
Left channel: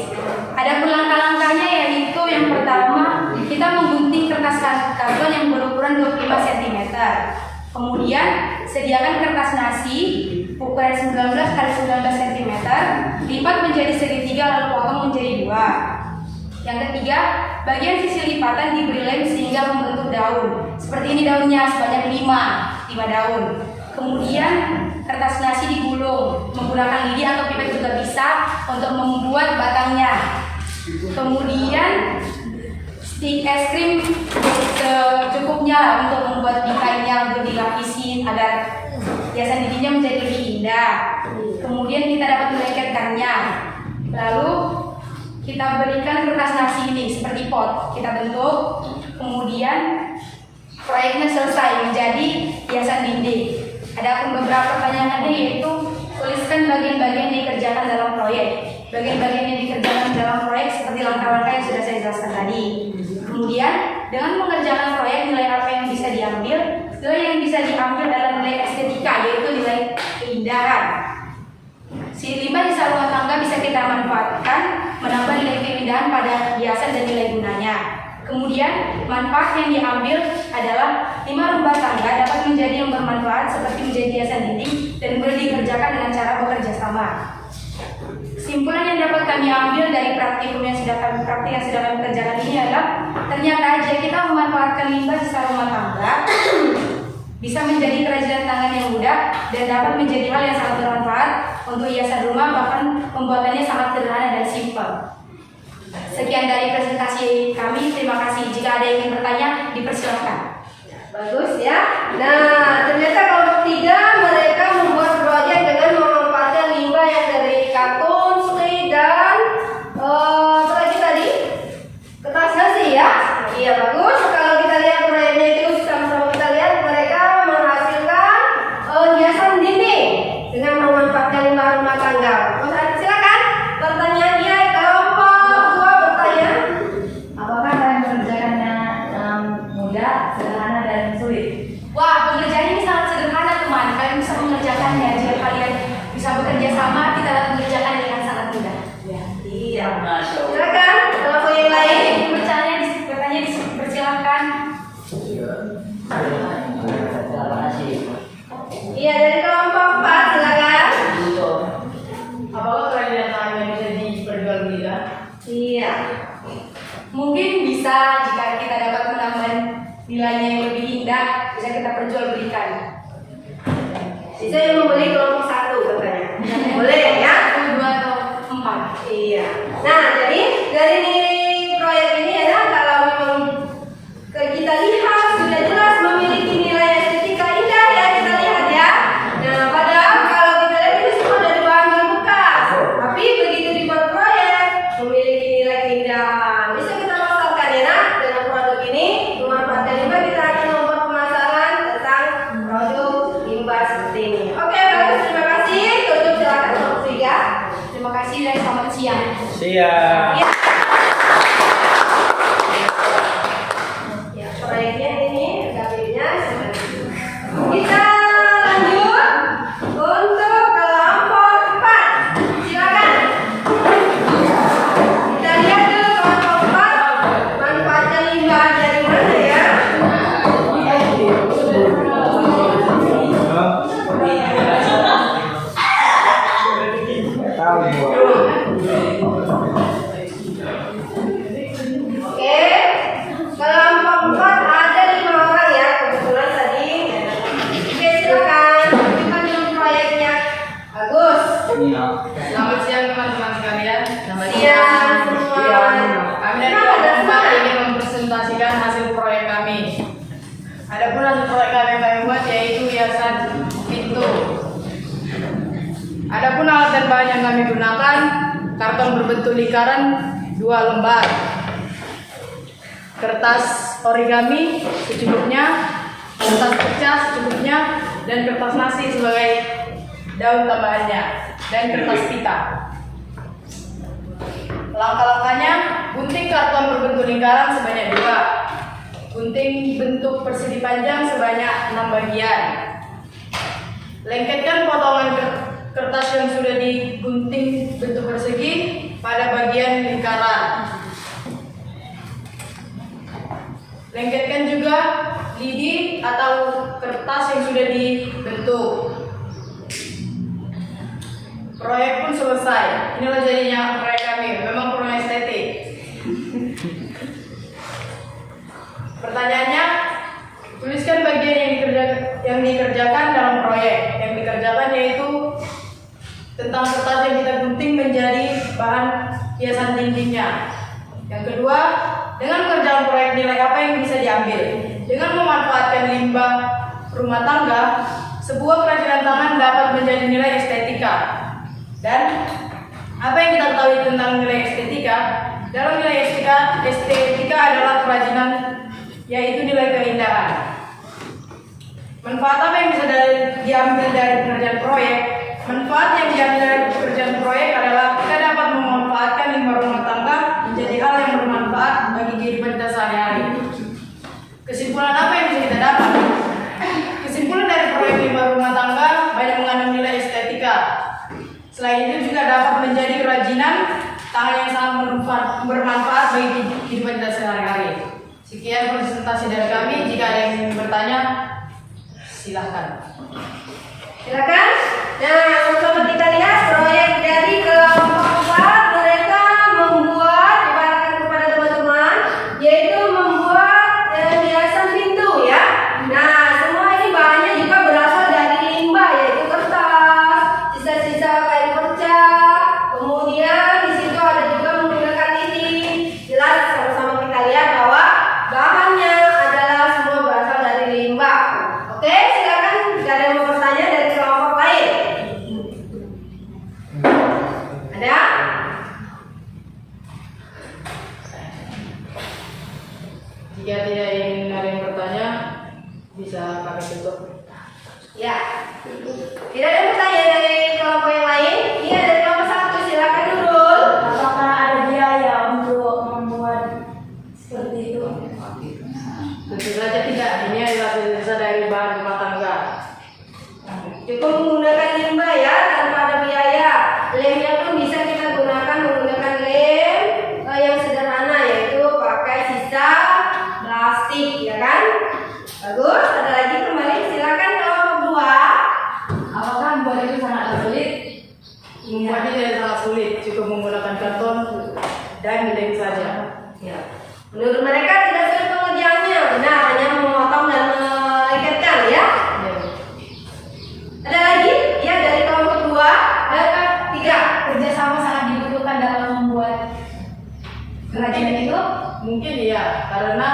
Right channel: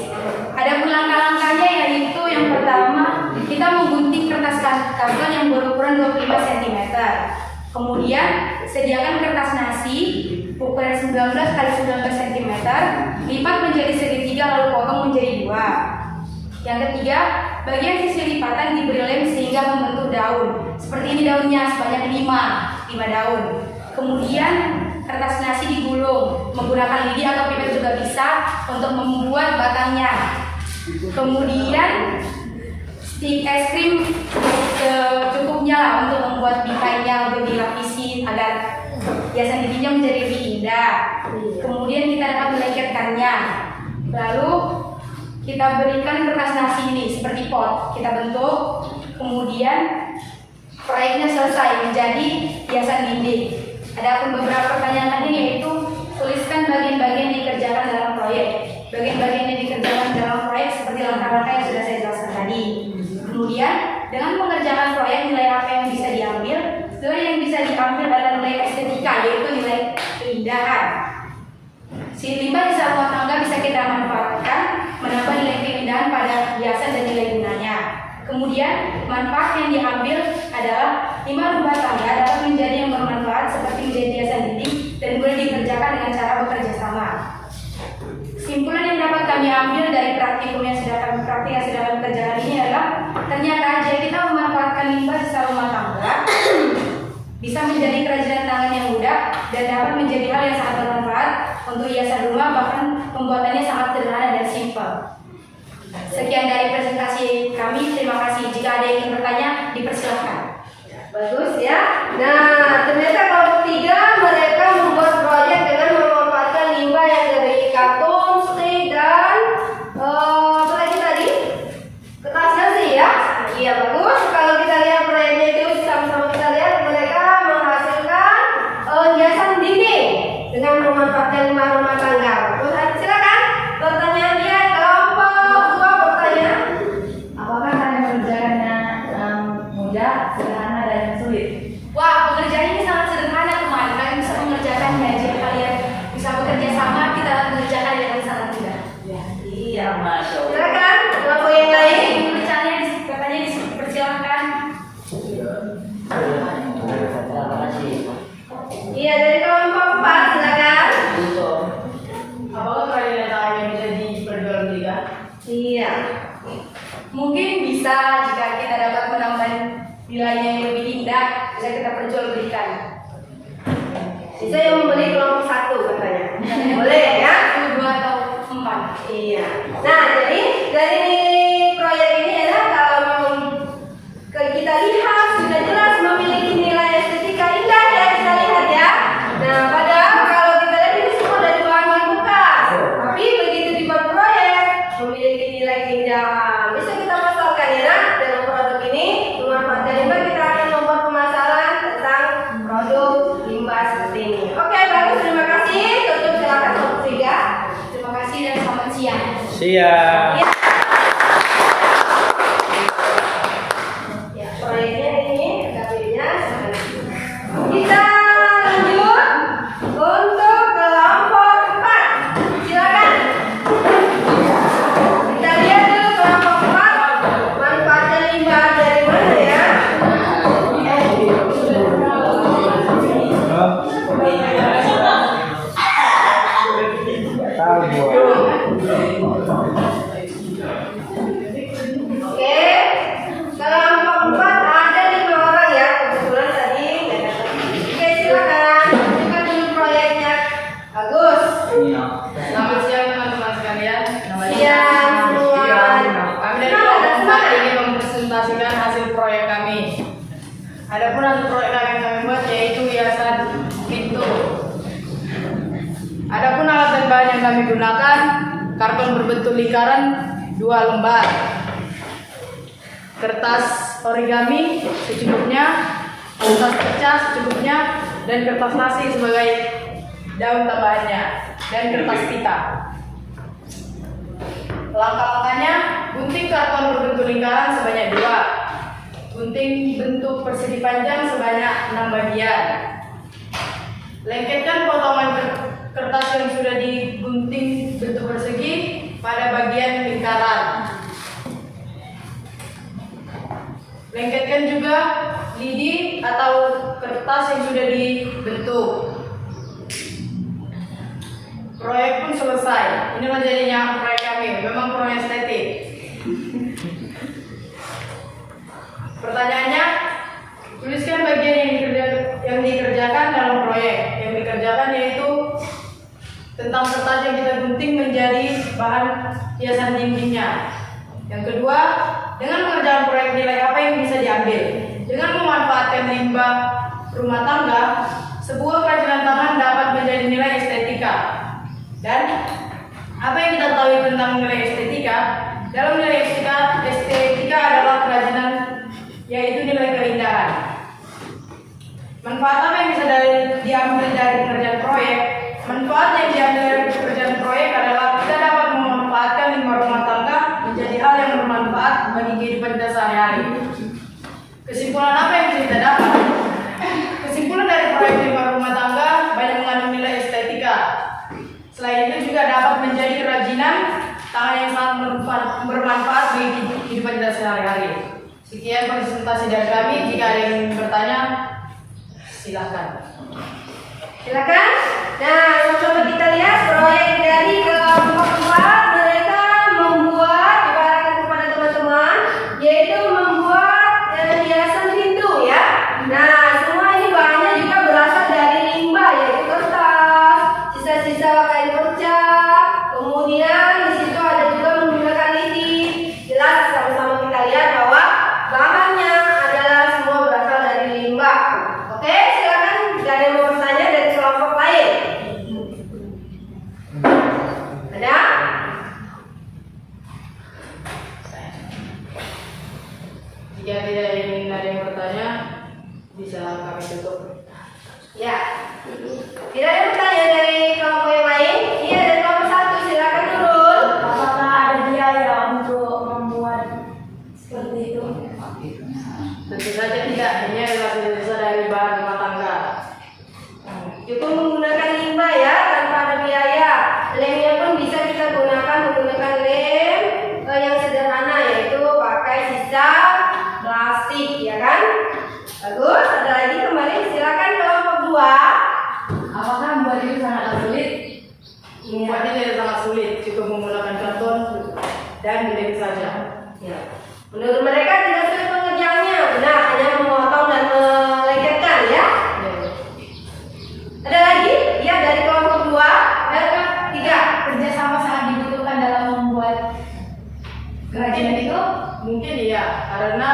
Ada pun langkah-langkahnya yaitu yang pertama kita menggunting kertas karton yang berukuran 25 cm. Kemudian sediakan kertas nasi ukuran 19 x 19 cm, lipat menjadi segitiga lalu potong menjadi 2. Yang ketiga, bagian sisi lipatan diberi lem sehingga membentuk daun. Seperti ini daunnya sebanyak 5 daun. Kemudian kertas nasi digulung menggunakan lidi atau pipet juga bisa untuk membuat batangnya. Kemudian stik es krim secukupnya lah untuk membuat bingkainya untuk dilapisi agar hiasan dindingnya menjadi lebih indah. Kemudian kita dapat melengketkannya. Lalu kita berikan kertas nasi ini seperti pot, kita bentuk. Kemudian proyeknya selesai menjadi hiasan dinding. Ada pun beberapa pertanyaan yaitu tuliskan bagian-bagian yang dikerjakan dalam proyek. Bagian-bagian yang dikerjakan dalam proyek seperti langkah-langkah yang sudah saya jelaskan tadi. Kemudian dengan mengerjakan proyek nilai apa yang bisa diambil? Nilai yang bisa diambil adalah nilai estetika yaitu nilai keindahan. Si limbah sisa rumah tangga bisa kita manfaatkan menambah nilai keindahan pada hiasan dan nilai gunanya. Kemudian manfaat yang diambil adalah limbah rumah tangga dapat menjadi yang bermanfaat seperti menjadi hiasan dinding dan boleh dikerjakan dengan cara bekerja sama. Kesimpulan yang dapat kami ambil dari praktikum yang sudah kami kerjakan ini adalah ternyata jika kita memanfaatkan limbah sisa rumah tangga bisa menjadi kerajinan tangan yang mudah dan dapat menjadi hal yang sangat bermanfaat untuk hiasan rumah, bahkan pembuatannya sangat sederhana dan simpel. Sekian dari presentasi kami, terima kasih. Jika ada yang ingin bertanya, dipersilahkan. Bagus ya. Nah, ternyata kelompok 3 mereka membuat proyek dengan memanfaatkan limbah yang dari karton, stik dan apa lagi tadi? Kertas nasi ya. Iya bagus. Kalau kita lihat proyeknya itu sama-sama kita lihat mereka menghasilkan hiasan dinding dengan memanfaatkan limbah rumah tangga. Silakan pertanyaannya kelompok 2 bertanya. Apakah kalian mengerjakannya mudah, sederhana, dan sulit? Wah, pekerjaan ini sangat sederhana teman. Kalian bisa mengerjakannya jika kalian bisa bekerja sama. Kita dapat mengerjakan dengan sangat mudah. Iya. Silakan kelompok yang lain. Bertanya dipersilakan. Iya dari kelompok 4 silakan. Apakah kalian Iya. Mungkin bisa jika kita dapat menambah nilainya yang lebih indah, bisa kita perjualbelikan. Bisa yang membeli kelompok 1 katanya. Boleh ya? 1, 2 atau 4. Iya. Nah, jadi dari proyek ini ya, kalau memang kita lihat sudah jelas memiliki nilai estetika indah ya, kita lihat ya. Nah, padahal kalau kita lihat ini semua dari bahan bekas, tapi begitu dibuat proyek memiliki nilai keindahan. Bisa kita masalkan ya, nak, dalam produk ini memanfaatkan limbah. Kita akan membuat pemasaran tentang produk limbah seperti ini. Oke, bagus, terima kasih. Tutup silakan waktu ya. Terima kasih dan selamat siang. Siap. Ya. Ya, proyeknya ini tabelnya kita lanjut untuk kelompok 4. Silakan. Kita lihat dulu kelompok 4 manfaatnya limbah dari mana ya? Tahu gua. Oke, kelompok 4 ada 5 orang ya, kebetulan tadi. Oke, silakan. Kita dulu proyeknya. Bagus. Selamat siang teman-teman sekalian. Siang semua. Kami dari kelompok 4 ingin mempresentasikan hasil proyek kami. Adapun hasil proyek yang kami buat yaitu hiasan pintu. Adapun alat dan bahan yang kami gunakan, karton berbentuk lingkaran 2 lembar, kertas origami secukupnya, kertas pecah secukupnya, dan kertas nasi sebagai daun tambahannya, dan kertas pita. Langkah-langkahnya, gunting karton berbentuk lingkaran sebanyak 2, gunting bentuk persegi panjang sebanyak 6 bagian. Lengketkan potongan kertas yang sudah digunting bentuk persegi pada bagian lingkaran. Lengketkan juga lidi atau kertas yang sudah dibentuk. Proyek pun selesai. Inilah jadinya proyek kami. Memang kurang estetik. Pertanyaannya, tuliskan bagian yang dikerjakan dalam proyek. Yang dikerjakan yaitu tentang kertas yang kita gunting menjadi bahan hiasan dindingnya. Yang kedua, dengan pengerjaan proyek nilai apa yang bisa diambil? Dengan memanfaatkan limbah rumah tangga, sebuah kerajinan tangan dapat menjadi nilai estetika. Dan apa yang kita ketahui tentang nilai estetika? Dalam nilai estetika adalah kerajinan, yaitu nilai keindahan. Manfaat apa yang bisa diambil dari pengerjaan proyek? Manfaat yang diambil dari pekerjaan proyek adalah kita dapat memanfaatkan limbah rumah tangga menjadi hal yang bermanfaat bagi kehidupan kita sehari-hari. Kesimpulan apa yang bisa kita dapat? Kesimpulan dari proyek limbah rumah tangga banyak mengandung nilai estetika. Selain itu juga dapat menjadi kerajinan tangan yang sangat bermanfaat bagi kehidupan kita sehari-hari. Sekian presentasi dari kami. Jika ada yang ingin bertanya, silahkan. Silakan. Nah, coba kita lihat proyek dari kelompok 4. Mereka membuat, ibaratkan kepada teman-teman, yaitu membuat hiasan pintu ya. Nah, semua ini bahannya juga berasal dari limbah, yaitu kertas, sisa-sisa kain pecah. Kemudian di situ ada juga menggunakan lidi. Jelas sama-sama kita lihat bahwa bahannya adalah semua berasal dari limbah. Oke, silakan. Ada yang mau bertanya dari kelompok lain? Ada? Jika tidak ingin ada yang bertanya, bisa kami tutup. Ya. Tidak ada yang bertanya dari kelompok yang lain? Iya, dari kelompok 1. Silakan Nurul. Apakah ada biaya untuk membuat seperti itu? Tentu saja tidak. Ini adalah sisa dari bahan rumah tangga. Cukup menggunakan limbah ya, tanpa ada biaya. Lemnya pun bisa kita gunakan menggunakan lem yang sederhana, yaitu pakai sisa plastik. dan dilem saja. Ya. Menurut mereka tidak sulit pengerjaannya, benar hanya memotong dan melengketkan ya. Ada lagi? Ya, dari kelompok 2, ada 3. Kerjasama sangat dibutuhkan dalam membuat kerajinan itu. Mungkin iya, karena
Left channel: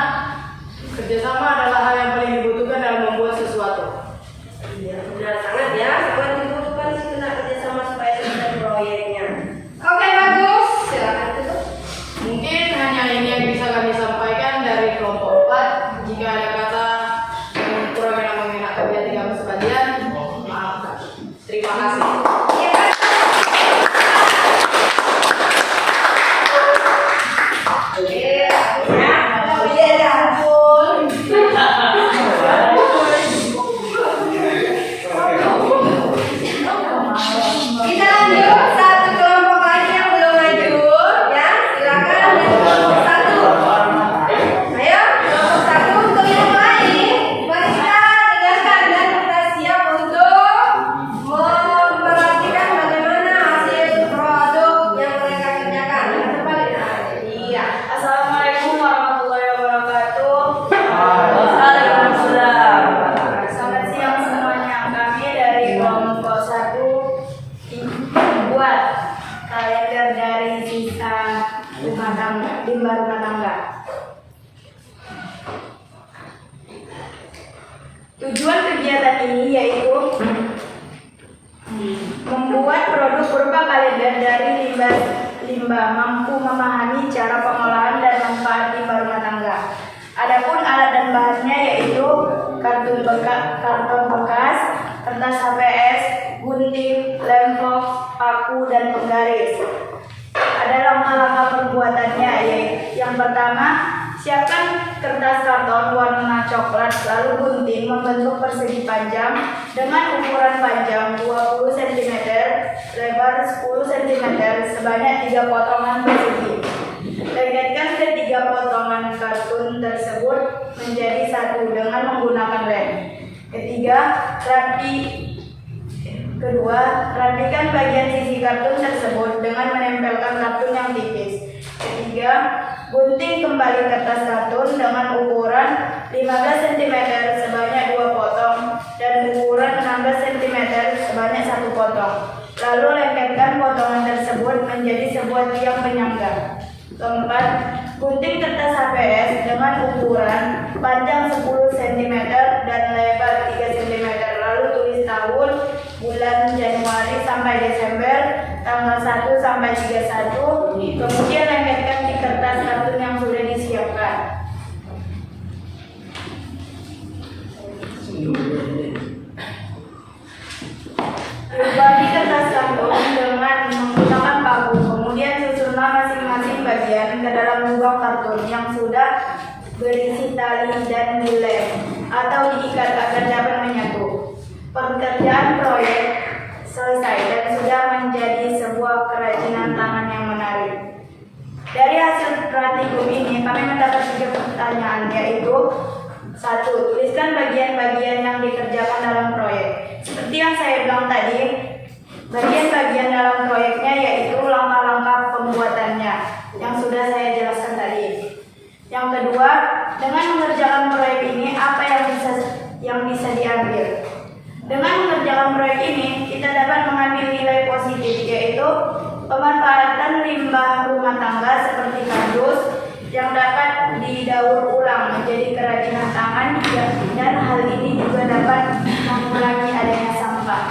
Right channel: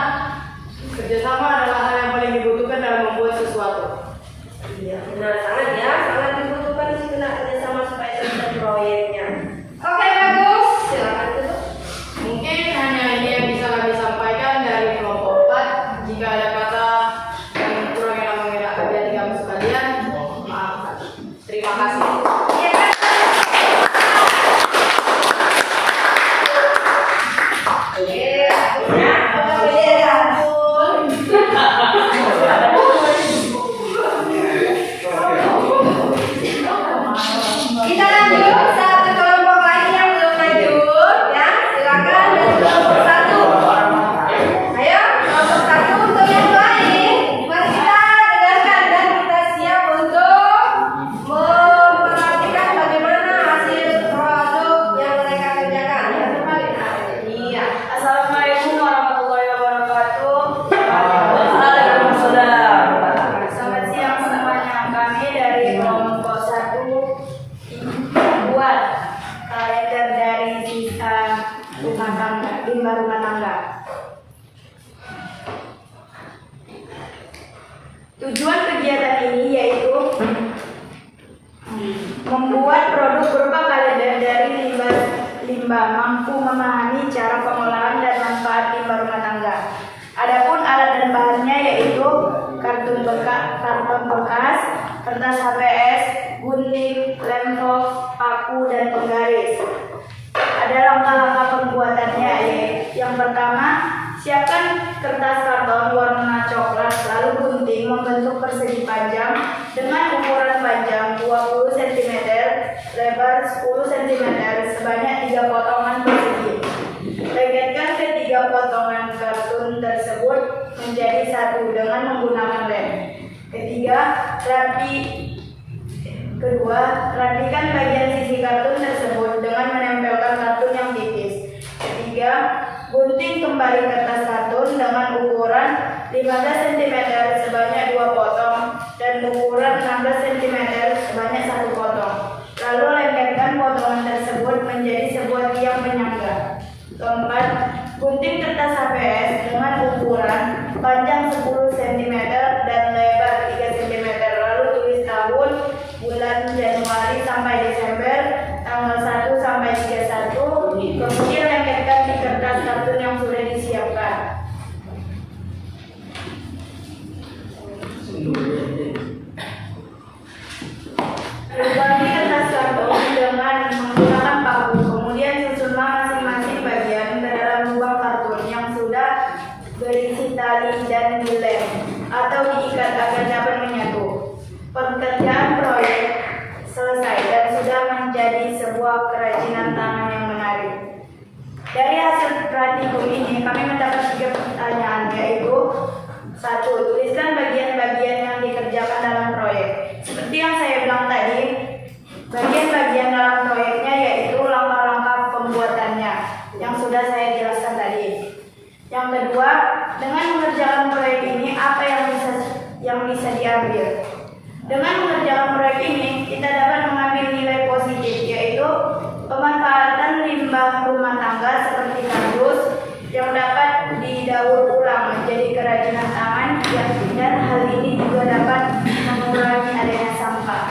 kerjasama adalah hal yang paling dibutuhkan dalam membuat sesuatu. Iya, benar sangat ya, sangat dibutuhkan segera kerjasama supaya selesai proyeknya. Oke, bagus. Silakan tutup. Mungkin hanya ini yang bisa kami sampaikan dari kelompok 4. Jika ada kata yang kurang enak mengenakan di hati kami sekalian, maafkan. Terima kasih. Iya, Pak. Oke, ya, ya ampun. Kita lanjut satu kelompok lagi yang belum lanjut ya, silakan dari kelompok 1. Ayo kelompok 1 untuk yang lain, mari kita dengarkan dan kita siap untuk memperhatikan bagaimana hasil produk yang mereka kerjakan. Iya. Assalamualaikum warahmatullahi wabarakatuh. Selamat siang semuanya. Kami dari kelompok 1 membuat kalender dari sisa limbah rumah tangga. Tujuan kegiatan ini yaitu membuat produk berupa kalender dari limbah mampu memahami cara pengolahan dan manfaat limbah rumah tangga. Adapun alat dan bahannya yaitu karton bekas, kertas HPS, gunting, lem box, paku, dan penggaris. Ada langkah-langkah pembuatannya yaitu yang pertama, siapkan kertas karton warna coklat, lalu gunting membentuk persegi panjang dengan ukuran panjang 20 cm, lebar 10 cm sebanyak 3 potongan persegi. Lengketkan ketiga potongan kartun tersebut menjadi satu dengan menggunakan lem. Kedua, rapikan bagian sisi kartun tersebut dengan menempelkan kartun yang tipis. Ketiga, gunting kembali kertas kartun dengan ukuran 15 cm sebanyak 2 potong dan ukuran 16 cm sebanyak 1 potong. Lalu lengketkan potongan tersebut menjadi sebuah tiang penyangga. Keempat, gunting kertas HPS dengan ukuran panjang 10 cm dan lebar 3 cm. Lalu tulis tahun, bulan Januari sampai Desember, tanggal 1 sampai 31. Kemudian lengketkan di kertas kartun yang sudah disiapkan. Bagi kertas kartun dengan menggunakan paku, kemudian susunlah masing-masing bagian ke dalam lubang kartun yang sudah berisi tali dan dilem atau diikat agar dapat menyatu. Pekerjaan proyek selesai dan sudah menjadi sebuah kerajinan tangan yang menarik. Dari hasil praktikum ini kami mendapat 3 pertanyaan, yaitu 1. Tuliskan bagian-bagian yang dikerjakan dalam proyek. Seperti yang saya bilang tadi, bagian-bagian dalam proyeknya yaitu langkah-langkah pembuatannya yang sudah saya jelaskan tadi. Yang kedua, dengan mengerjakan proyek ini apa yang bisa diambil? Dengan mengerjakan proyek ini, kita dapat mengambil nilai positif, yaitu pemanfaatan limbah rumah tangga seperti kardus yang dapat didaur ulang menjadi kerajinan tangan, dan hal ini juga dapat mengurangi adanya sampah.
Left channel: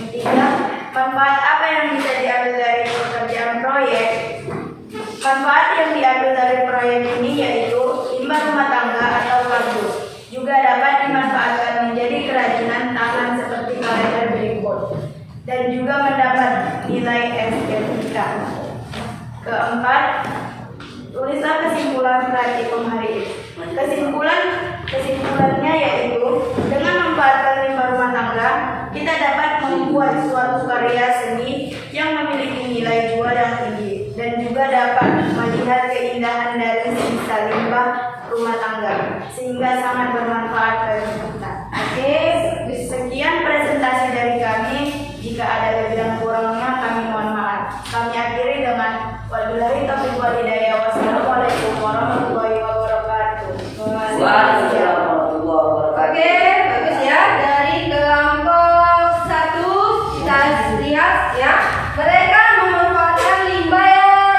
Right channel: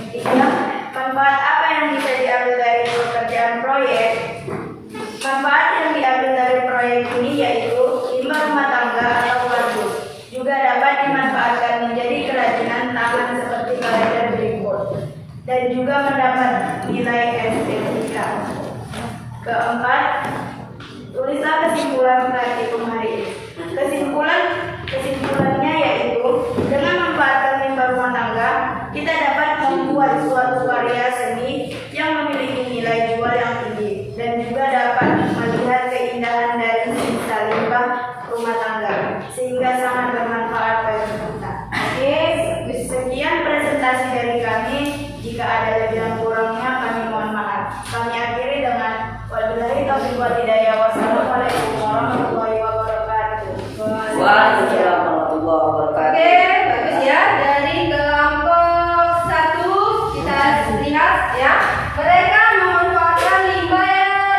Ketiga, manfaat apa yang bisa diambil dari pekerjaan proyek? Manfaat yang diambil dari proyek ini yaitu limbah rumah tangga atau kardus juga dapat dimanfaatkan menjadi kerajinan tangan seperti kalender berikut, dan juga mendapat nilai estetika. Keempat, tulislah kesimpulan praktikum hari ini. Kesimpulannya yaitu dengan memanfaatkan limbah rumah tangga, kita dapat membuat suatu karya seni yang memiliki nilai jual yang tinggi dan juga dapat melihat keindahan dari sisa limbah rumah tangga sehingga sangat bermanfaat bagi kita. Oke, sekian presentasi dari kami. Jika ada lebih dan kurangnya kami mohon maaf. kami akhiri dengan wabillahi taufiq wal hidayah. Wassalamualaikum warahmatullahi wabarakatuh. Waalaikumsalam warahmatullahi wabarakatuh. Oke, bagus ya. Dari kelompok 1 kita lihat ya. Mereka memanfaatkan limbah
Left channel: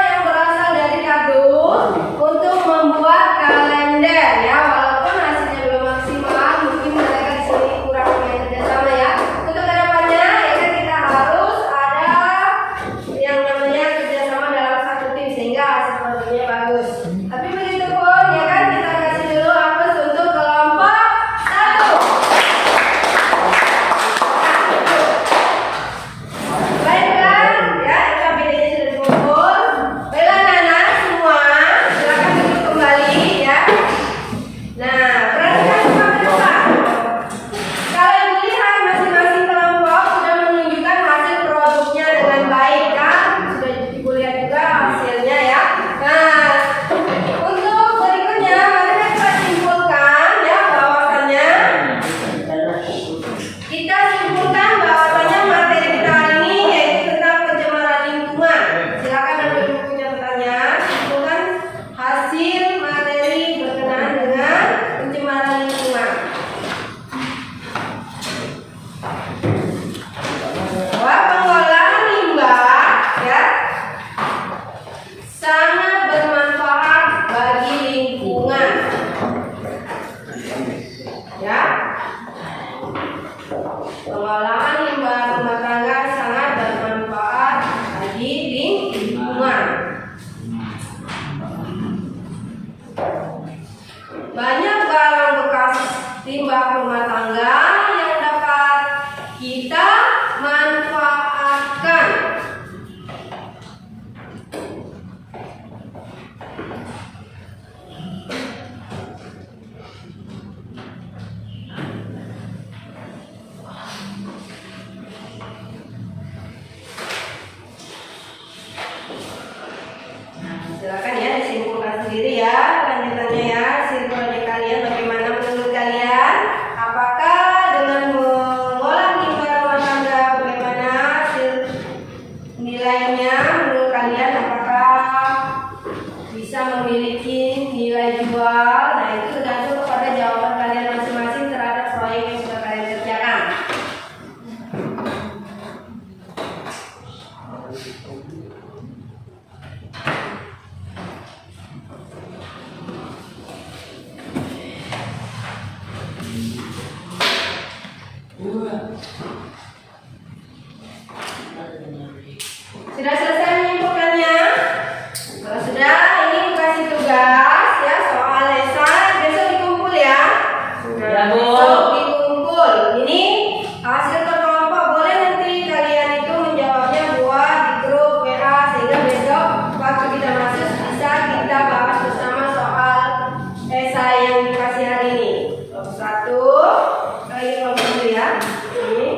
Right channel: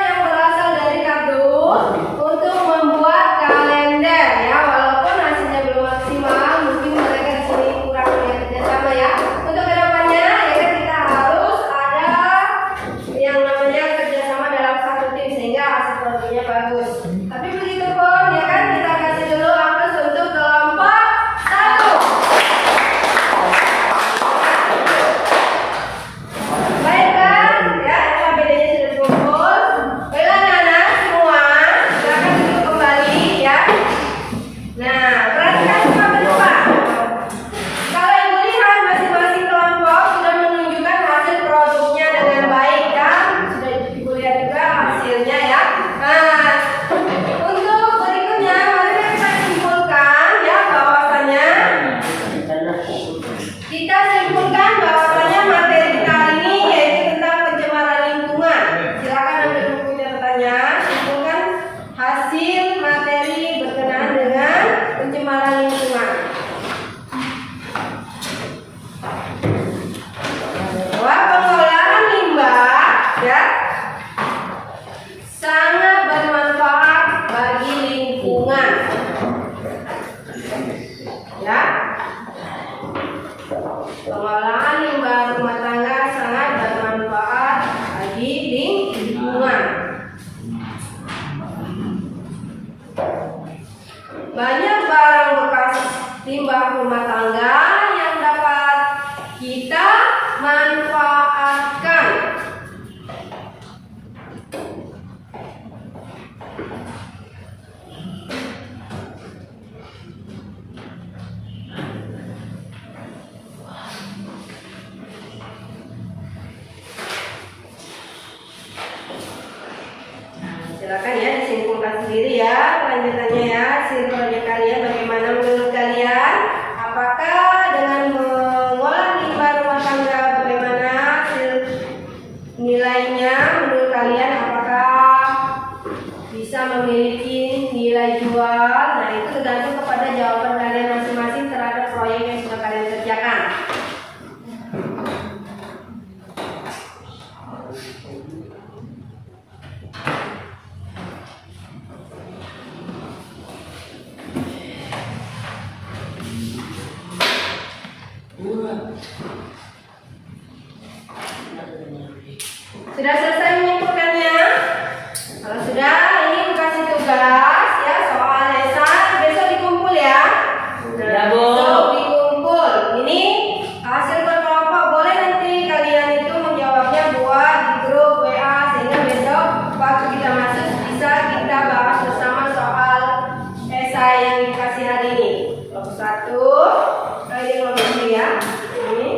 yang berasal dari kardus untuk membuat kalender ya. Walaupun hasilnya belum maksimal, mungkin mereka di sini kurang punya kerjasama ya. Untuk kedepannya ya kan kita harus ada yang namanya kerjasama dalam satu tim sehingga hasil produknya bagus. Tapi begitu pun ya kan kita kasih dulu aplaus untuk kelompok 1. Baiklah, ya KBD-nya sudah dikumpul. Baiklah anak-anak semua, silakan duduk kembali ya. Nah, perhatikan semua ke depan. Kalau ibu lihat masing-masing kelompok sudah menunjukkan hasil produknya dengan baik kan? Sudah ibu lihat juga hasilnya ya. Nah, untuk berikutnya mari kita simpulkan ya bahwasannya materi kita hari ini yaitu tentang pencemaran lingkungan. Silakan ambil buku catatannya, simpulkan hasil materi berkenaan dengan pencemaran lingkungan. Bahwa pengolahan limbah ya sangat bermanfaat bagi lingkungan. Ya. Pengolahan limbah rumah tangga sangat bermanfaat bagi lingkungan. Banyak barang bekas limbah rumah tangga yang dapat kita manfaatkan. Silakan ya disimpulkan sendiri ya lanjutannya ya hasil proyek kalian bagaimana menurut kalian, apakah dengan mengolah limbah rumah tangga bagaimana hasil nilainya menurut kalian, apakah bisa memiliki nilai jual. Nah itu tergantung kepada jawaban kalian masing-masing terhadap proyek yang sudah kalian kerjakan. Sudah selesai menyimpulkannya? Kalau sudah, ini kasih tugas ya soal esai besok dikumpul ya. Nah, Ya, Bu. besok dikumpul. Ini hasil per kelompok, boleh nanti kalian itu menjawabnya buat di grup WA sehingga besok waktu kita masuk bisa kita bahas bersama soal esai yang dikasih hari ini. Kelompok 1, ini kelompok 2 ya. Ini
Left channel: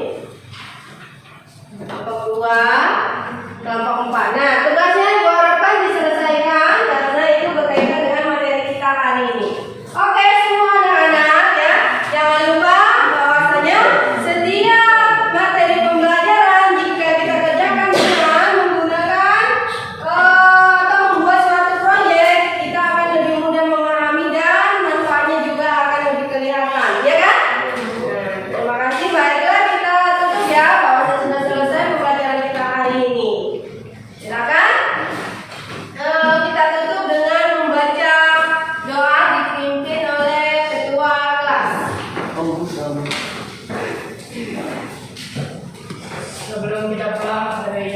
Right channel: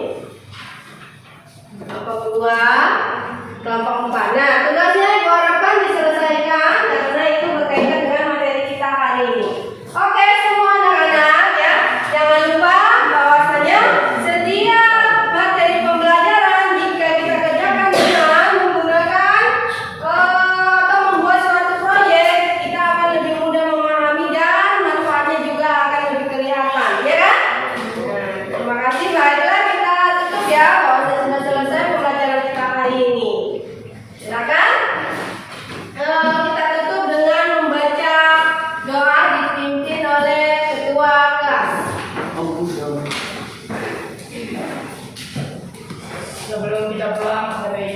kelompok 2, kelompok 4. Nah, tugasnya ibu harapkan diselesaikan karena itu berkaitan dengan materi kita hari ini. Oke, semua anak-anak ya, jangan lupa bahwasanya setiap materi pembelajaran jika kita kerjakan dengan menggunakan atau membuat suatu proyek, kita akan lebih mudah memahami dan manfaatnya juga akan lebih kelihatan, ya kan? Nah, terima kasih. Baiklah kita tutup ya, bahwasanya sudah selesai pembelajaran kita hari ini. Silakan kita tutup dengan membaca doa dipimpin oleh ketua kelas. Sebelum kita pulang dari